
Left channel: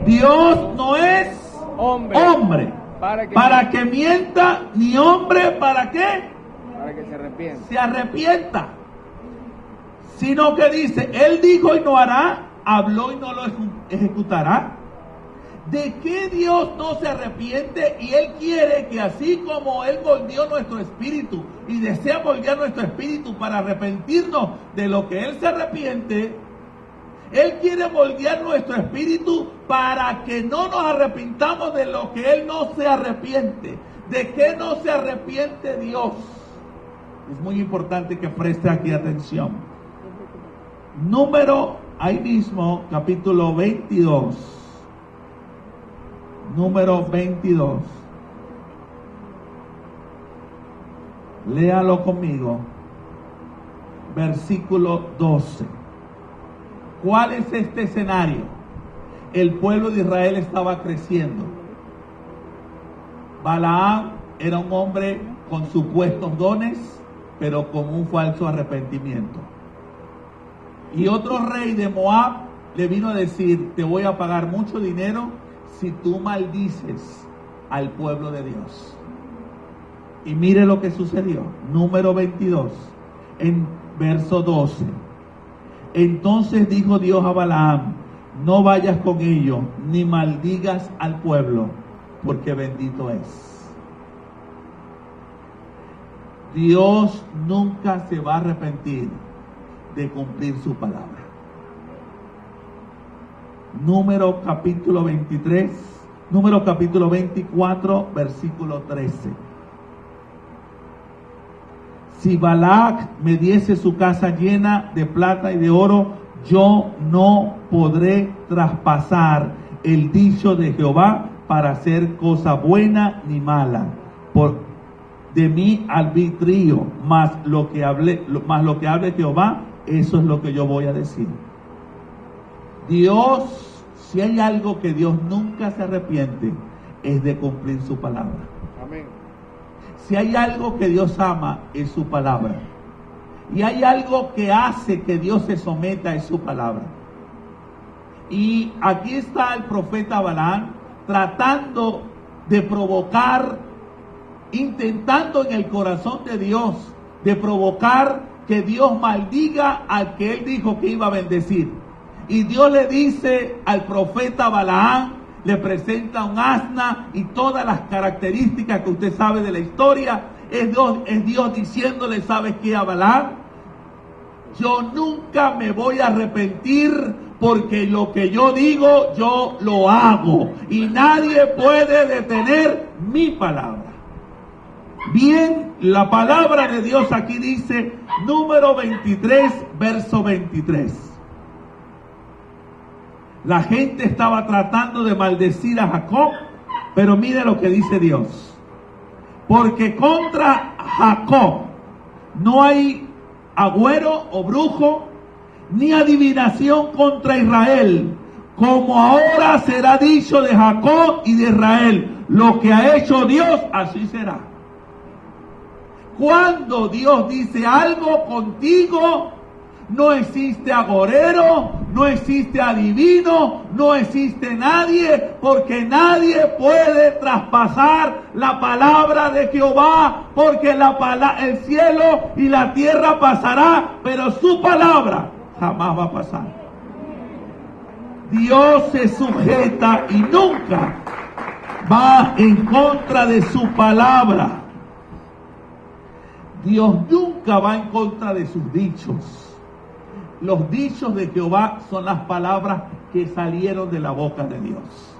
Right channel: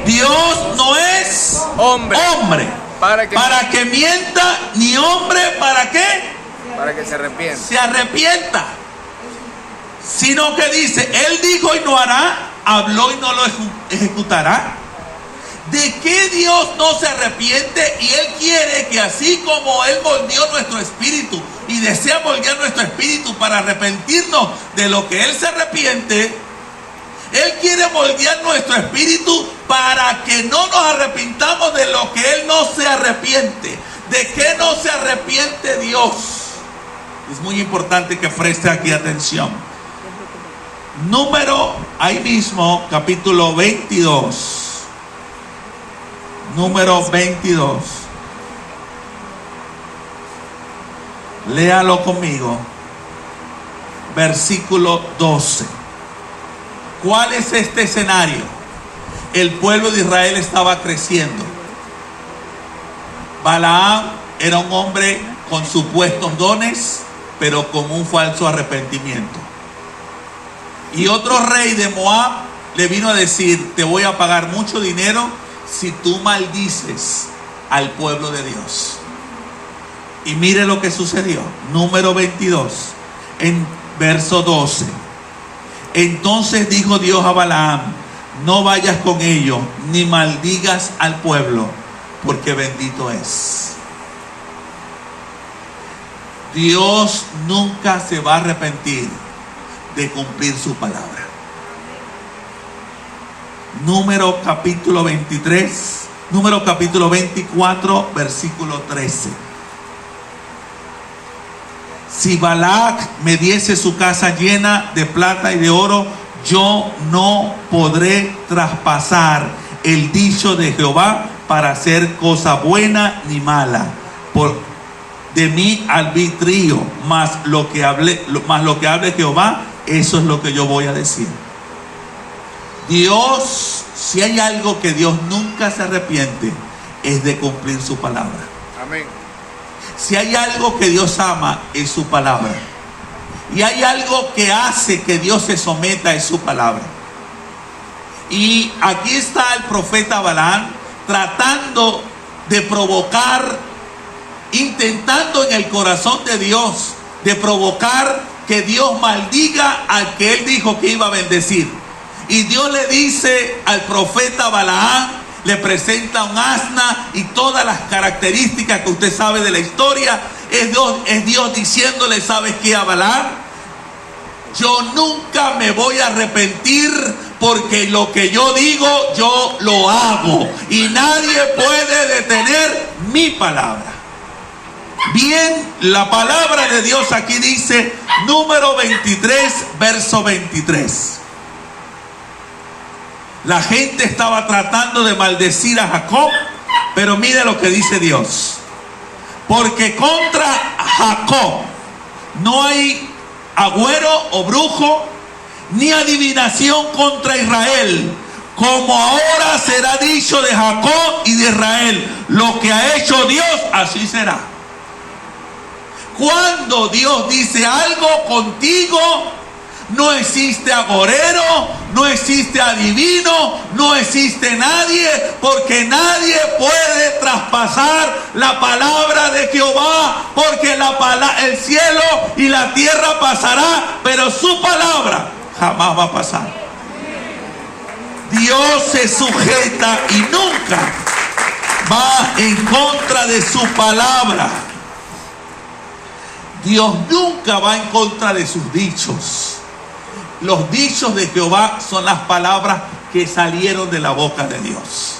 Dios no es hombre para que mienta, ni hombre para qué? Para que se arrepienta. Sino que dice, Él dijo y no hará, habló y no lo ejecutará. ¿De qué Dios no se arrepiente? Y Él quiere que así como Él moldeó nuestro espíritu y desea moldear nuestro espíritu para arrepentirnos de lo que Él se arrepiente, Él quiere moldear nuestro espíritu para que no nos arrepintamos de lo que Él no se arrepiente. ¿De qué no se arrepiente Dios? Es muy importante que preste aquí atención. Número, ahí mismo, capítulo 22. Número 22. Léalo conmigo. Versículo 12. ¿Cuál es este escenario? El pueblo de Israel estaba creciendo. Balaam era un hombre con supuestos dones, pero con un falso arrepentimiento. Y otro rey de Moab le vino a decir, te voy a pagar mucho dinero si tú maldices al pueblo de Dios. Y mire lo que sucedió. Número 22, en verso 12. Entonces dijo Dios a Balaam: no vayas con ellos, ni maldigas al pueblo, porque bendito es. Dios nunca se va a arrepentir de cumplir su palabra. Número capítulo 24, versículo 13. Si Balac me diese su casa llena de plata y de oro, yo no podré traspasar el dicho de Jehová para hacer cosa buena ni mala. De mi arbitrio, más lo que hable Jehová, eso es lo que yo voy a decir. Dios, si hay algo que Dios nunca se arrepiente, es de cumplir su palabra. Amén. Si hay algo que Dios ama, es su palabra. Y hay algo que hace que Dios se someta, es su palabra. Y aquí está el profeta Balaam tratando de provocar, intentando en el corazón de Dios, de provocar que Dios maldiga al que él dijo que iba a bendecir. Y Dios le dice al profeta Balaam, le presenta un asna y todas las características que usted sabe de la historia. Es Dios diciéndole: ¿sabes qué, a Balaam? Yo nunca me voy a arrepentir, porque lo que yo digo, yo lo hago. Y nadie puede detener mi palabra. Bien, la palabra de Dios aquí dice, número 23, verso 23. La gente estaba tratando de maldecir a Jacob, pero mire lo que dice Dios. Porque contra Jacob no hay agüero o brujo, ni adivinación contra Israel. Como ahora será dicho de Jacob y de Israel: lo que ha hecho Dios, así será. Cuando Dios dice algo contigo, no existe agorero, no existe adivino, no existe nadie, porque nadie puede traspasar la palabra de Jehová, porque el cielo y la tierra pasará, pero su palabra jamás va a pasar. Dios se sujeta y nunca va en contra de su palabra. Dios nunca va en contra de sus dichos. Los dichos de Jehová son las palabras que salieron de la boca de Dios.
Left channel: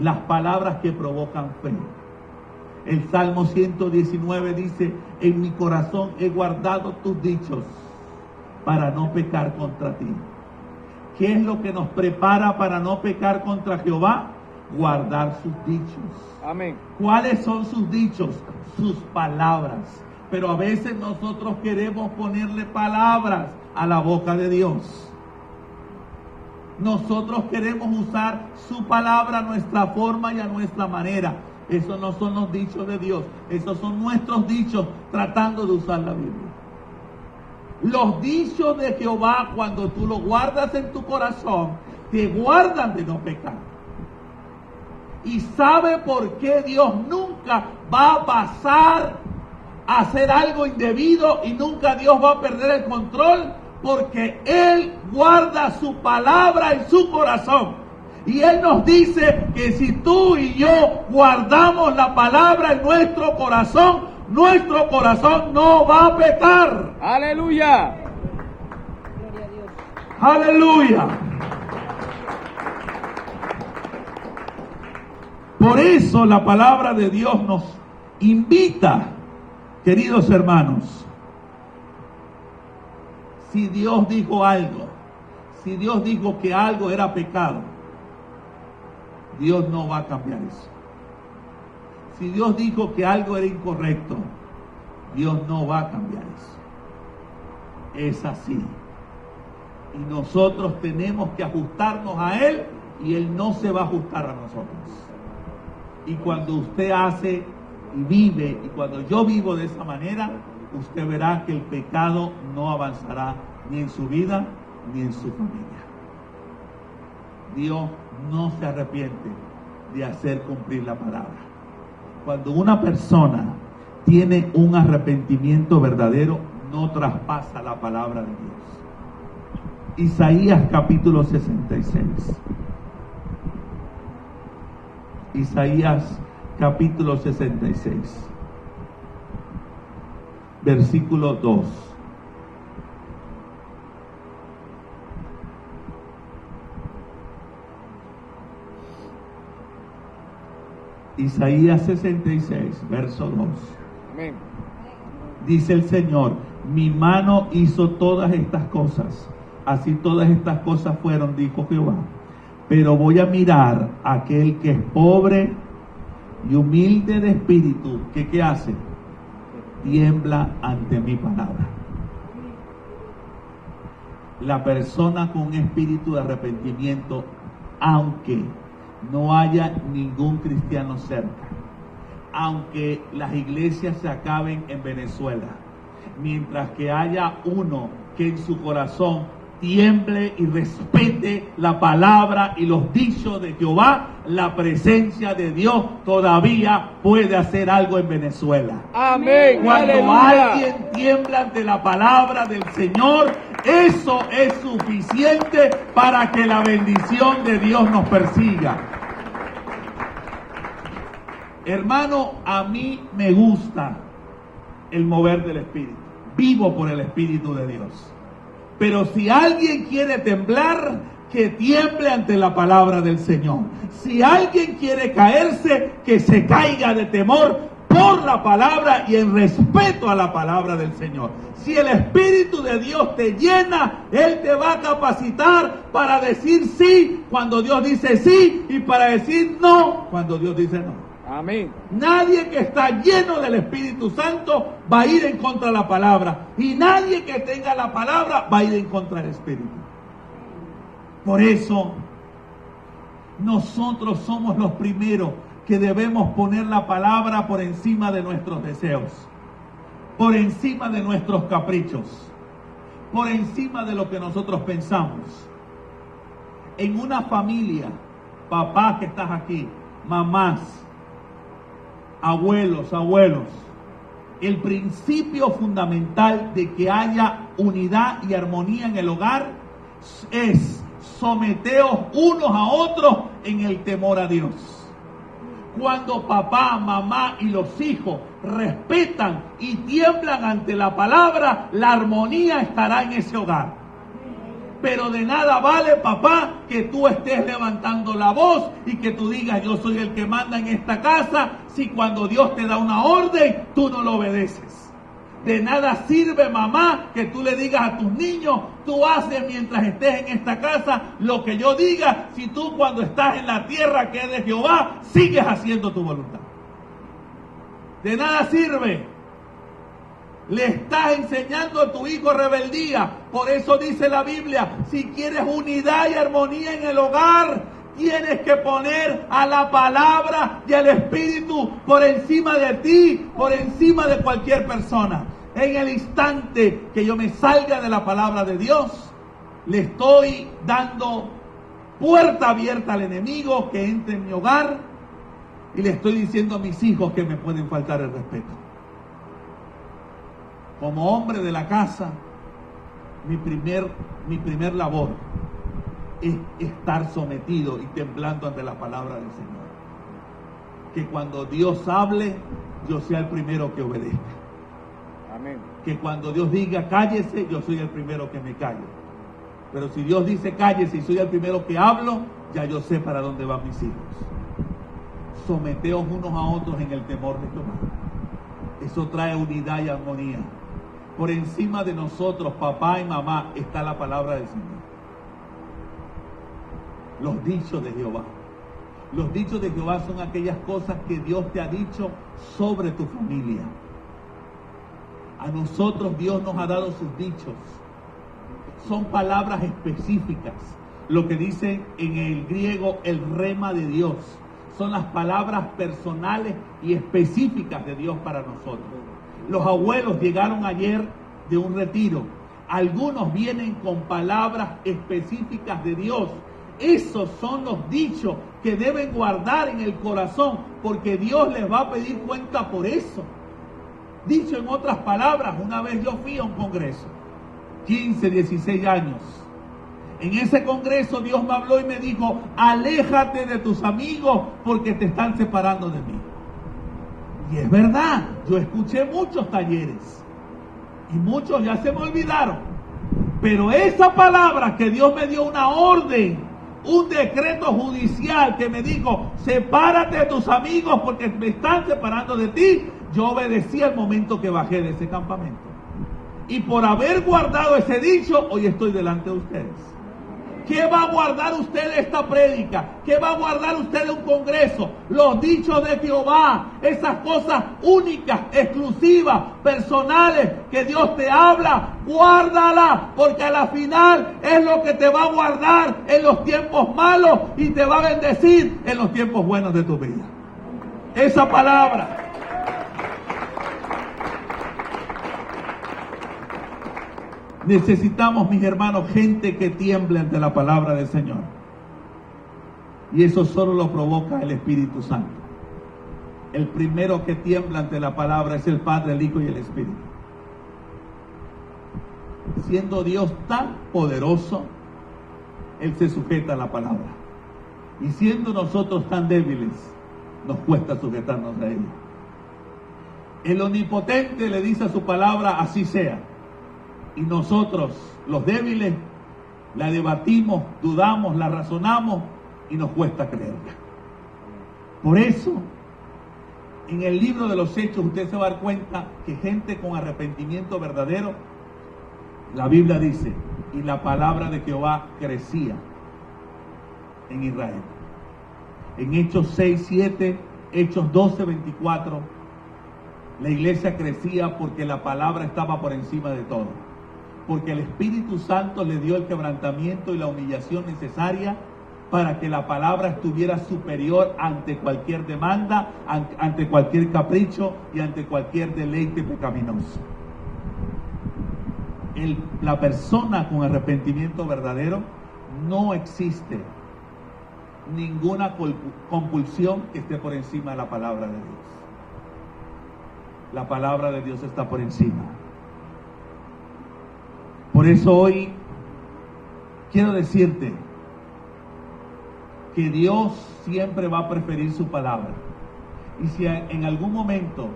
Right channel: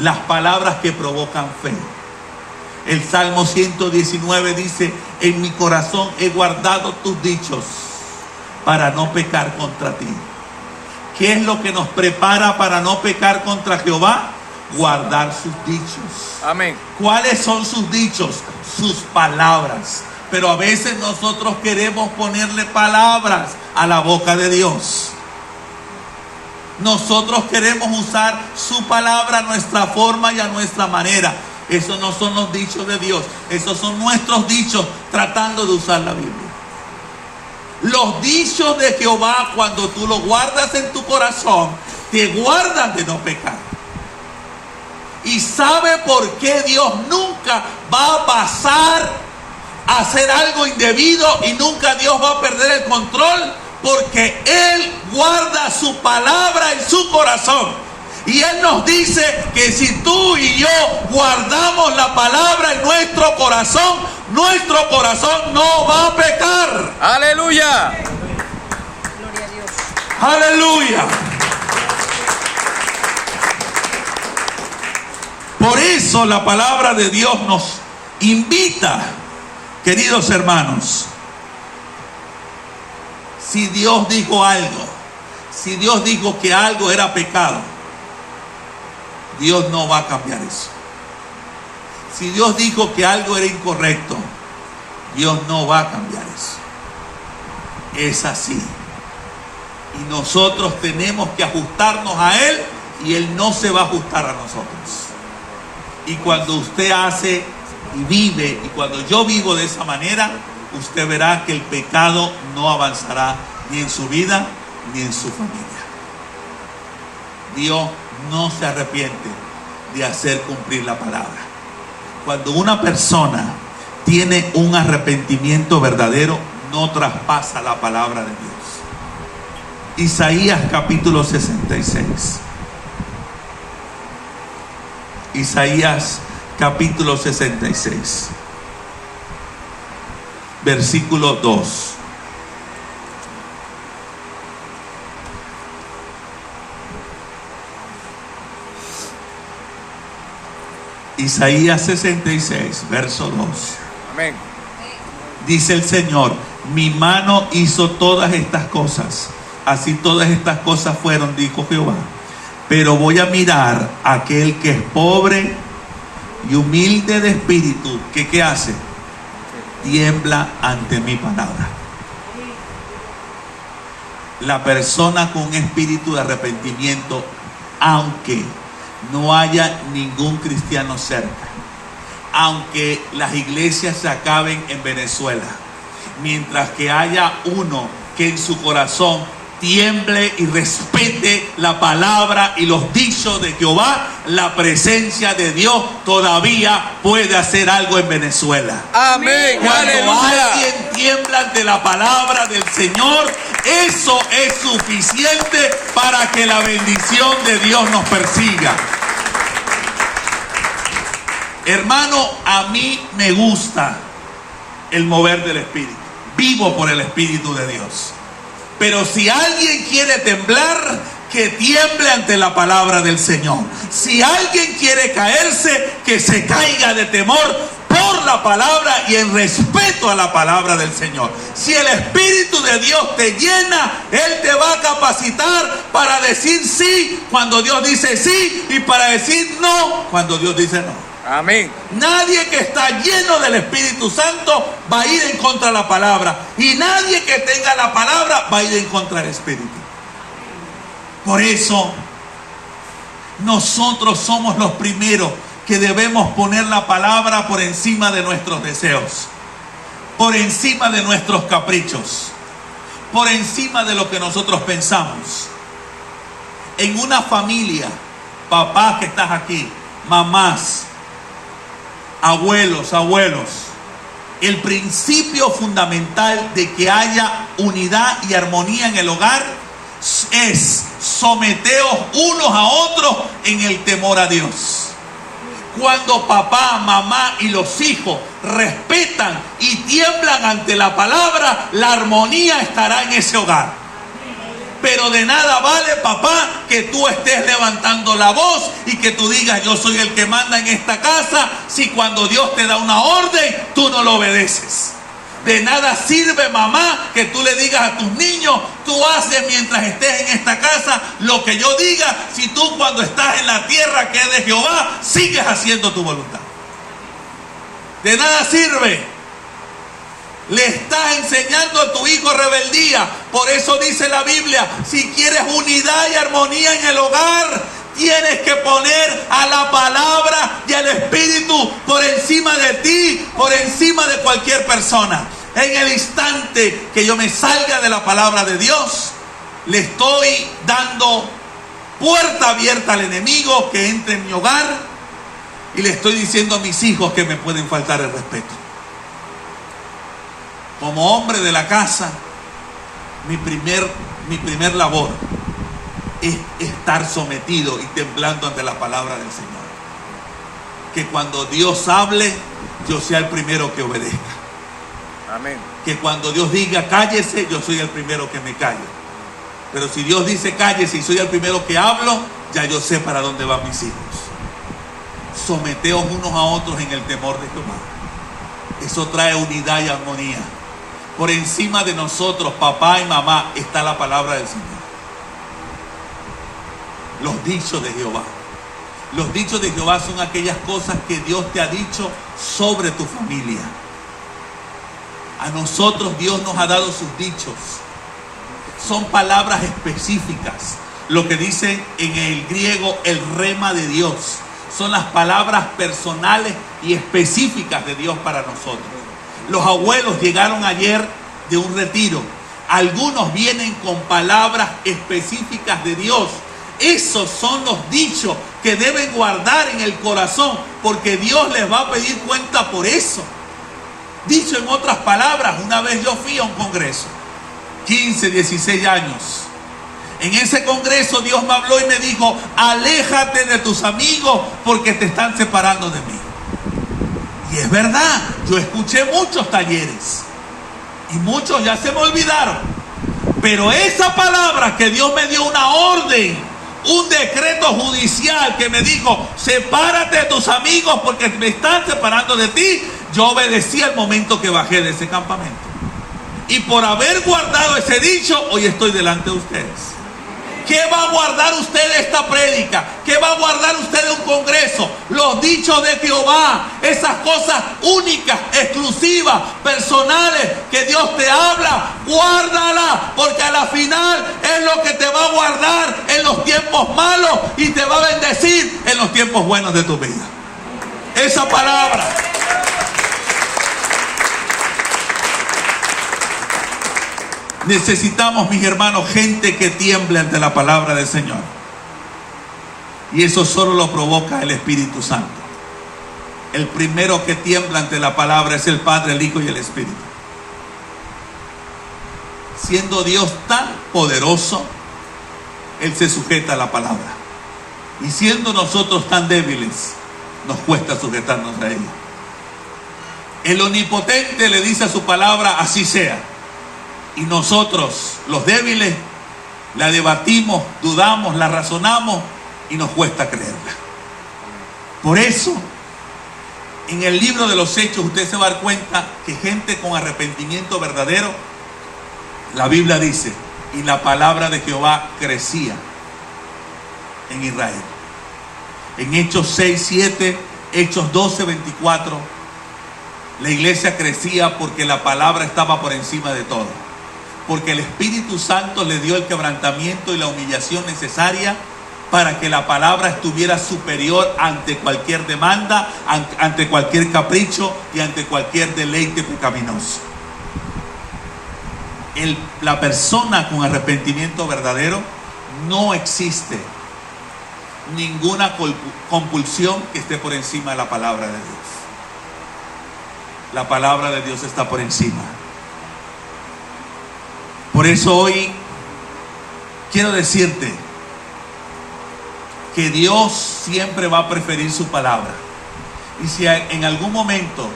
Las palabras que provocan fe. El Salmo 119 dice: en mi corazón he guardado tus dichos para no pecar contra ti. ¿Qué es lo que nos prepara para no pecar contra Jehová? Guardar sus dichos. Amén. ¿Cuáles son sus dichos? Sus palabras. Pero a veces nosotros queremos ponerle palabras a la boca de Dios. Nosotros queremos usar su palabra a nuestra forma y a nuestra manera. Esos no son los dichos de Dios. Esos son nuestros dichos tratando de usar la Biblia. Los dichos de Jehová, cuando tú los guardas en tu corazón, te guardan de no pecar. Y sabe por qué Dios nunca va a pasar a hacer algo indebido, y nunca Dios va a perder el control, porque Él guarda su palabra en su corazón. Y Él nos dice que si tú y yo guardamos la palabra en nuestro corazón no va a pecar. Aleluya. Gloria a Dios. Aleluya. Por eso la palabra de Dios nos invita, queridos hermanos. Si Dios dijo algo, si Dios dijo que algo era pecado, Dios no va a cambiar eso. Si Dios dijo que algo era incorrecto, Dios no va a cambiar eso. Es así. Y nosotros tenemos que ajustarnos a Él, y Él no se va a ajustar a nosotros. Y cuando usted hace y vive, y cuando yo vivo de esa manera, usted verá que el pecado no avanzará ni en su vida ni en su familia. Dios no se arrepiente de hacer cumplir la palabra. Cuando una persona tiene un arrepentimiento verdadero, no traspasa la palabra de Dios. Isaías capítulo 66. Isaías capítulo 66. Versículo 2. Isaías 66, verso 2. Amén. Dice el Señor: mi mano hizo todas estas cosas, así todas estas cosas fueron, dijo Jehová. Pero voy a mirar a aquel que es pobre y humilde de espíritu, que ¿qué hace? Tiembla ante mi palabra. La persona con un espíritu de arrepentimiento, aunque no haya ningún cristiano cerca, aunque las iglesias se acaben en Venezuela, mientras que haya uno que en su corazón tiemble y respete la palabra y los dichos de Jehová, la presencia de Dios todavía puede hacer algo en Venezuela. Amén. Cuando Aleluya. alguien tiembla ante la palabra del Señor, eso es suficiente para que la bendición de Dios nos persiga. Hermano, a mí me gusta el mover del Espíritu. Vivo por el Espíritu de Dios. Pero si alguien quiere temblar, que tiemble ante la palabra del Señor. Si alguien quiere caerse, que se caiga de temor por la palabra y en respeto a la palabra del Señor. Si el Espíritu de Dios te llena, Él te va a capacitar para decir sí cuando Dios dice sí y para decir no cuando Dios dice no. Amén. Nadie que está lleno del Espíritu Santo va a ir en contra de la palabra. Y nadie que tenga la palabra va a ir en contra del Espíritu. Por eso, nosotros somos los primeros que debemos poner la palabra por encima de nuestros deseos, por encima de nuestros caprichos, por encima de lo que nosotros pensamos. En una familia, papás que estás aquí, mamás, abuelos, el principio fundamental de que haya unidad y armonía en el hogar es someteos unos a otros en el temor a Dios. Cuando papá, mamá y los hijos respetan y tiemblan ante la palabra, la armonía estará en ese hogar. Pero de nada vale, papá, que tú estés levantando la voz y que tú digas yo soy el que manda en esta casa, si cuando Dios te da una orden, tú no lo obedeces. De nada sirve, mamá, que tú le digas a tus niños, tú haces mientras estés en esta casa lo que yo diga, si tú cuando estás en la tierra que es de Jehová, sigues haciendo tu voluntad. De nada sirve. Le estás enseñando a tu hijo rebeldía. Por eso dice la Biblia, si quieres unidad y armonía en el hogar, tienes que poner a la palabra y al Espíritu por encima de ti, por encima de cualquier persona. En el instante que yo me salga de la palabra de Dios, le estoy dando puerta abierta al enemigo que entre en mi hogar y le estoy diciendo a mis hijos que me pueden faltar el respeto. Como hombre de la casa, mi primer labor es estar sometido y temblando ante la palabra del Señor. Que cuando Dios hable, yo sea el primero que obedezca. Amén. Que cuando Dios diga cállese, yo soy el primero que me callo. Pero si Dios dice cállese y soy el primero que hablo, ya yo sé para dónde van mis hijos. Someteos unos a otros en el temor de Jehová. Eso trae unidad y armonía. Por encima de nosotros, papá y mamá, está la palabra del Señor. Los dichos de Jehová. Los dichos de Jehová son aquellas cosas que Dios te ha dicho sobre tu familia. A nosotros Dios nos ha dado sus dichos. Son palabras específicas. Lo que dice en el griego el rema de Dios. Son las palabras personales y específicas de Dios para nosotros. Los abuelos llegaron ayer de un retiro. Algunos vienen con palabras específicas de Dios Esos son los dichos que deben guardar en el corazón, porque Dios les va a pedir cuenta por eso. Dicho en otras palabras, una vez yo fui a un congreso, 15, 16 años. En ese congreso Dios me habló y me dijo: aléjate de tus amigos porque te están separando de mí. Y es verdad, yo escuché muchos talleres y muchos ya se me olvidaron. Pero esa palabra que Dios me dio, una orden, un decreto judicial que me dijo: sepárate de tus amigos porque me están separando de ti, yo obedecí al momento que bajé de ese campamento. Y por haber guardado ese dicho, hoy estoy delante de ustedes. ¿Qué va a guardar usted de esta prédica? ¿Qué va a guardar usted de un congreso? Los dichos de Jehová, esas cosas únicas, exclusivas, personales que Dios te habla, guárdala, porque a la final es lo que te va a guardar en los tiempos malos y te va a bendecir en los tiempos buenos de tu vida. Esa palabra. Necesitamos, mis hermanos, gente que tiemble ante la palabra del Señor. Y eso solo lo provoca el Espíritu Santo. El primero que tiembla ante la palabra es el Padre, el Hijo y el Espíritu. Siendo Dios tan poderoso, Él se sujeta a la palabra. Y siendo nosotros tan débiles, nos cuesta sujetarnos a ella. El Omnipotente le dice a su palabra: así sea. Y nosotros, los débiles, la debatimos, dudamos, la razonamos y nos cuesta creerla. Por eso, en el libro de los Hechos, usted se va a dar cuenta que gente con arrepentimiento verdadero, la Biblia dice, y la palabra de Jehová crecía en Israel. En Hechos 6, 7, Hechos 12, 24, la iglesia crecía porque la palabra estaba por encima de todo. Porque el Espíritu Santo le dio el quebrantamiento y la humillación necesaria para que la palabra estuviera superior ante cualquier demanda, ante cualquier capricho y ante cualquier deleite pecaminoso. La persona con arrepentimiento verdadero, no existe ninguna compulsión que esté por encima de la palabra de Dios. La palabra de Dios está por encima. Por eso hoy quiero decirte que Dios siempre va a preferir su palabra. Y si en algún momento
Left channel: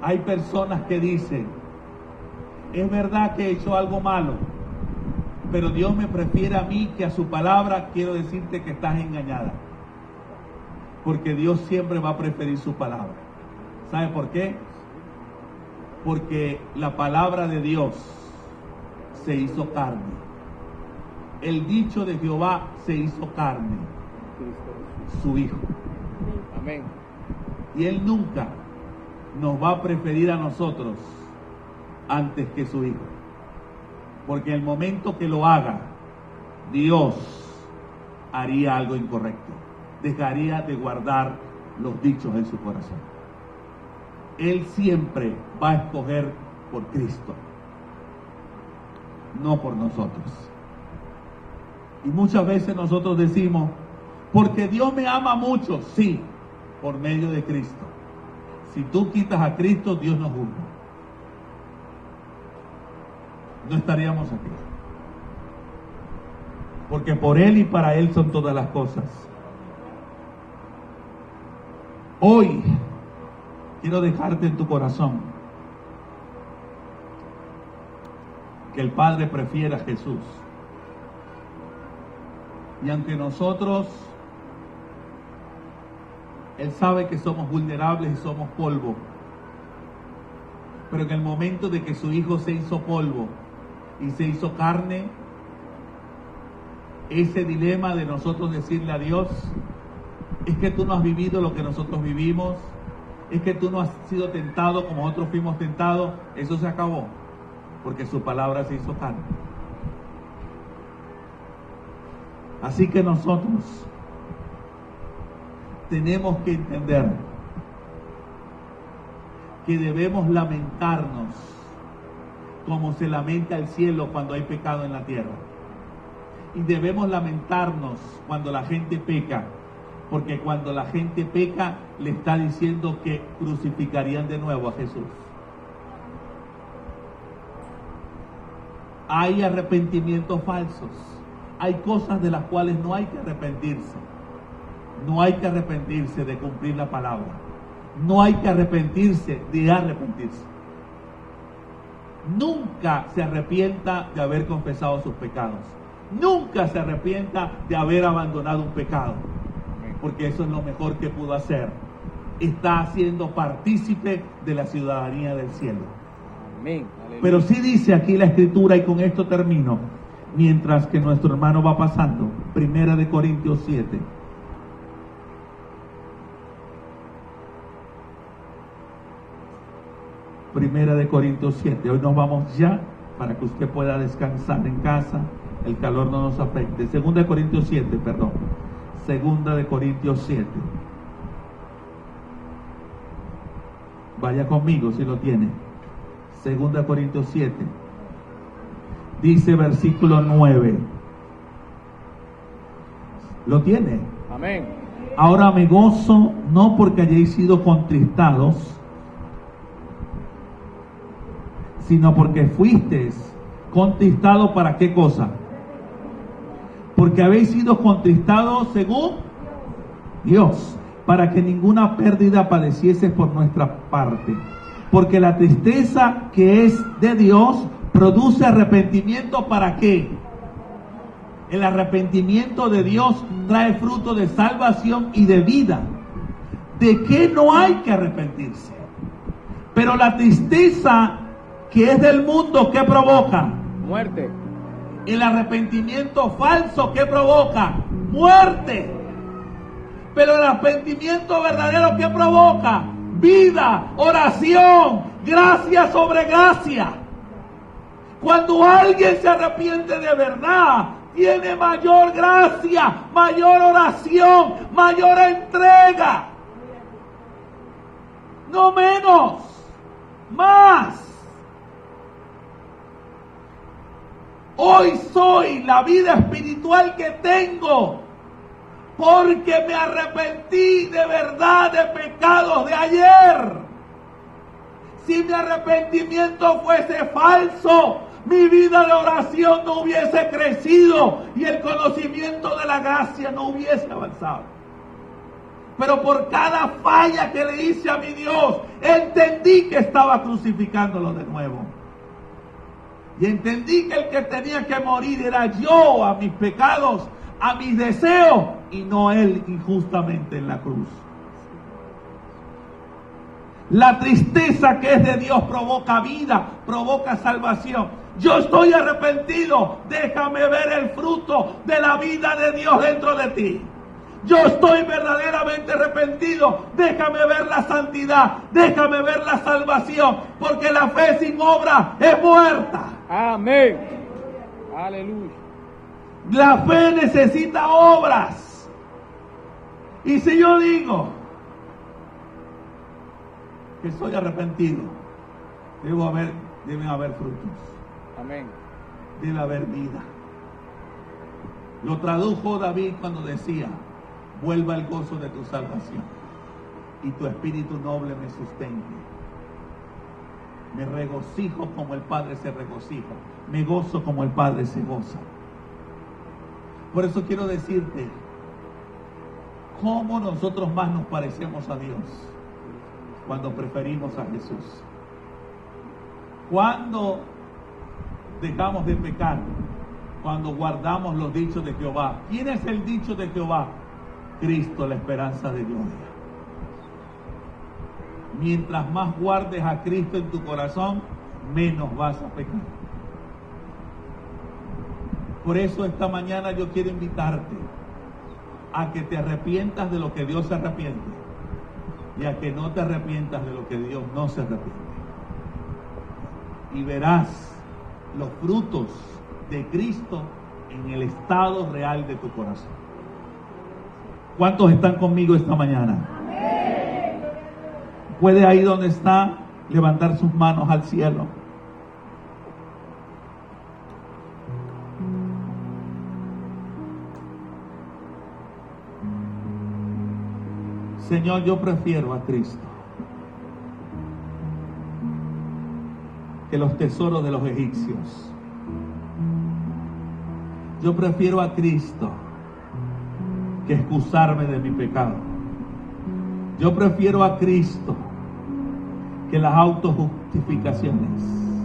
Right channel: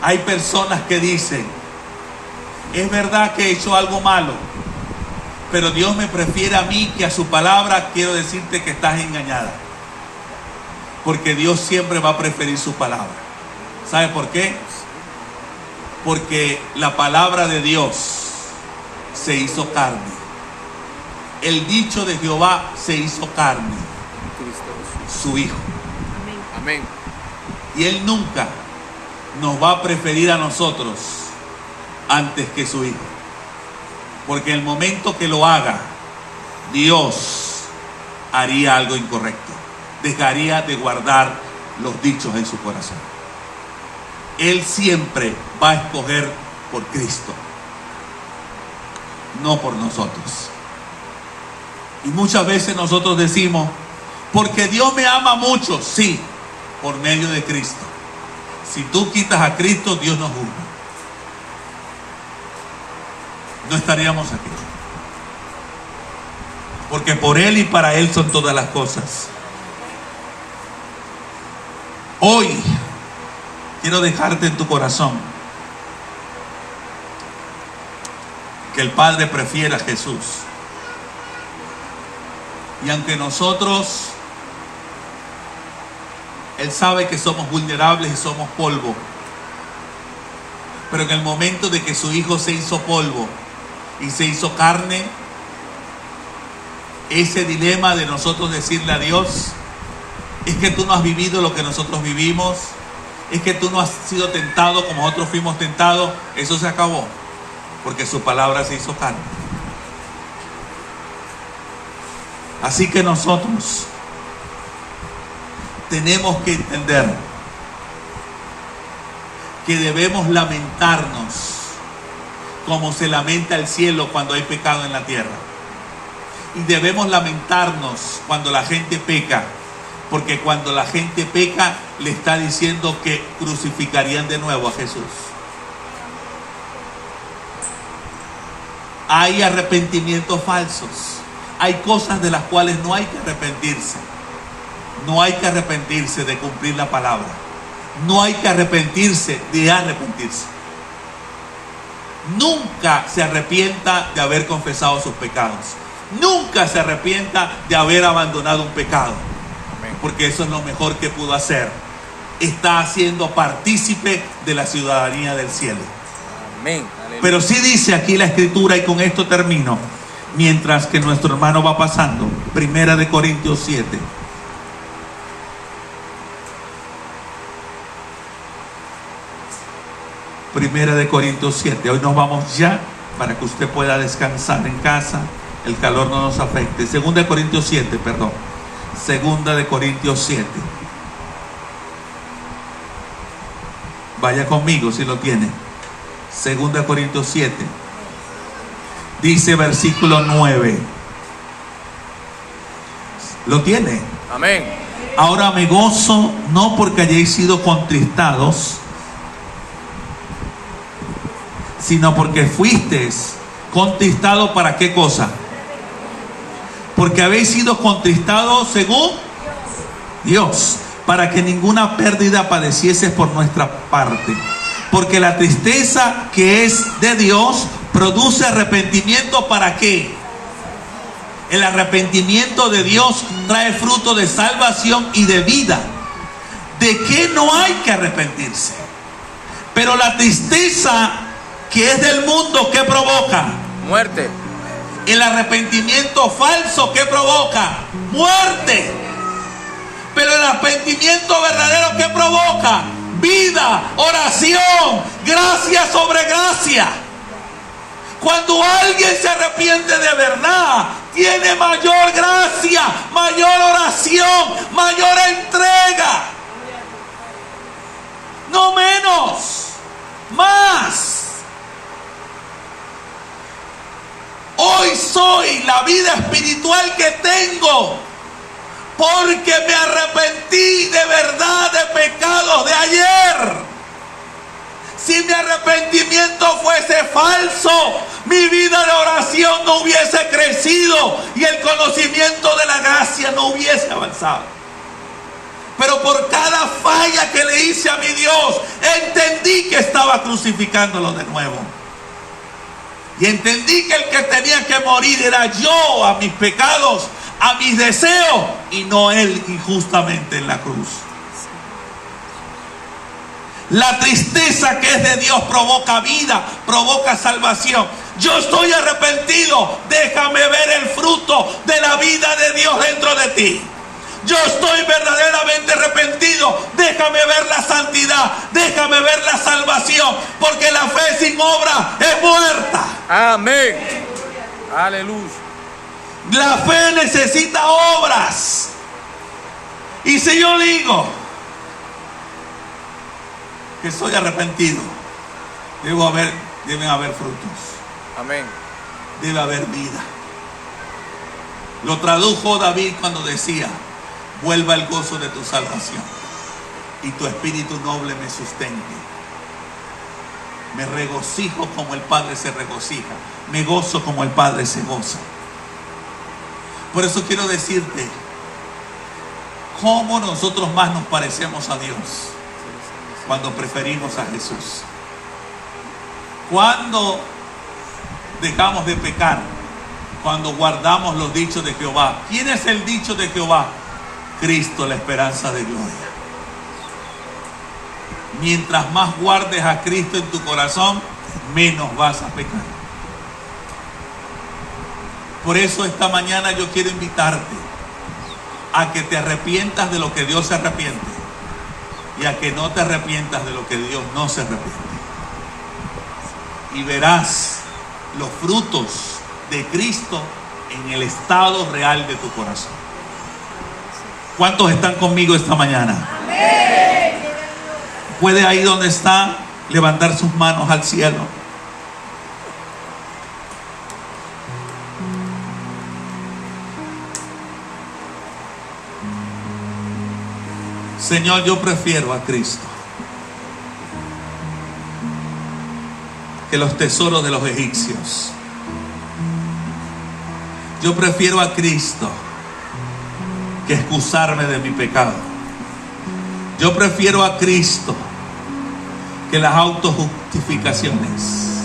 hay personas que dicen: es verdad que he hecho algo malo, pero Dios me prefiere a mí que a su palabra, quiero decirte que estás engañada. Porque Dios siempre va a preferir su palabra. ¿Sabe por qué? Porque la palabra de Dios se hizo carne. El dicho de Jehová se hizo carne. Su Hijo. Amén. Y Él nunca nos va a preferir a nosotros antes que su Hijo. Porque en el momento que lo haga, Dios haría algo incorrecto. Dejaría de guardar los dichos en su corazón. Él siempre va a escoger por Cristo, no por nosotros. Y muchas veces nosotros decimos: porque Dios me ama mucho. Sí, por medio de Cristo. Si tú quitas a Cristo, Dios nos juzga. No estaríamos aquí. Porque por Él y para Él son todas las cosas. Hoy quiero dejarte en tu corazón que el Padre prefiere a Jesús. Y aunque nosotros, Él sabe que somos vulnerables y somos polvo, pero en el momento de que su Hijo se hizo polvo y se hizo carne, ese dilema de nosotros decirle a Dios: es que tú no has vivido lo que nosotros vivimos, es que tú no has sido tentado como nosotros fuimos tentados, eso se acabó, porque su palabra se hizo carne. Así que nosotros tenemos que entender que debemos lamentarnos como se lamenta el cielo cuando hay pecado en la tierra. Y debemos lamentarnos cuando la gente peca, porque cuando la gente peca le está diciendo que crucificarían de nuevo a Jesús. Hay arrepentimientos falsos, hay cosas de las cuales no hay que arrepentirse. No hay que arrepentirse de cumplir la palabra, no hay que arrepentirse de arrepentirse. Nunca se arrepienta de haber confesado sus pecados. Nunca se arrepienta de haber abandonado un pecado. Amén. Porque eso es lo mejor que pudo hacer. Está siendo partícipe de la ciudadanía del cielo. Amén. Aleluya. Pero sí dice aquí la escritura, y con esto termino, mientras que nuestro hermano va pasando, 1 Corintios 7. Primera de Corintios 7. Hoy nos vamos ya para que usted pueda descansar en casa, el calor no nos afecte. Segunda de Corintios 7, perdón. Segunda de Corintios 7. Vaya conmigo si lo tiene. Segunda de Corintios 7. Dice versículo 9. ¿Lo tiene? Amén. Ahora me gozo no porque hayáis sido contristados, sino porque fuisteis contristados. ¿Para qué cosa? Porque habéis sido contristados según Dios, para que ninguna pérdida padecieses por nuestra parte. Porque la tristeza que es de Dios produce arrepentimiento. ¿Para qué? El arrepentimiento de Dios trae fruto de salvación y de vida. ¿De qué no hay que arrepentirse? Pero la tristeza que es del mundo, ¿qué provoca? Muerte. El arrepentimiento falso, ¿qué provoca? Muerte. Pero el arrepentimiento verdadero, ¿qué provoca? Vida, oración, gracia sobre gracia. Cuando alguien se arrepiente de verdad, tiene mayor gracia, mayor oración, mayor entrega. No menos, más. Hoy soy la vida espiritual que tengo porque me arrepentí de verdad de pecados de ayer. Si mi arrepentimiento fuese falso, mi vida de oración no hubiese crecido y el conocimiento de la gracia no hubiese avanzado. Pero por cada falla que le hice a mi Dios, entendí que estaba crucificándolo de nuevo. Y entendí que el que tenía que morir era yo, a mis pecados, a mis deseos, y no él injustamente en la cruz. La tristeza que es de Dios provoca vida, provoca salvación. Yo estoy arrepentido, déjame ver el fruto de la vida de Dios dentro de ti. Yo estoy verdaderamente arrepentido, déjame ver la santidad, déjame ver la salvación, porque la fe sin obra es muerta. Amén. Aleluya. La fe necesita obras. Y si yo digo que soy arrepentido, deben haber frutos. Amén. Debe haber vida. Lo tradujo David cuando decía: vuelva el gozo de tu salvación y tu espíritu noble me sustente. Me regocijo como el Padre se regocija, me gozo como el Padre se goza. Por eso quiero decirte cómo nosotros más nos parecemos a Dios cuando preferimos a Jesús. Cuando dejamos de pecar, cuando guardamos los dichos de Jehová. ¿Quién es el dicho de Jehová? Cristo, la esperanza de gloria. Mientras más guardes a Cristo en tu corazón, menos vas a pecar. Por eso esta mañana yo quiero invitarte a que te arrepientas de lo que Dios se arrepiente y a que no te arrepientas de lo que Dios no se arrepiente. Y verás los frutos de Cristo en el estado real de tu corazón. ¿Cuántos están conmigo esta mañana? Amén. ¿Puede ahí donde está levantar sus manos al cielo? Señor, yo prefiero a Cristo que los tesoros de los egipcios. Yo prefiero a Cristo que excusarme de mi pecado. Yo prefiero a Cristo que las autojustificaciones.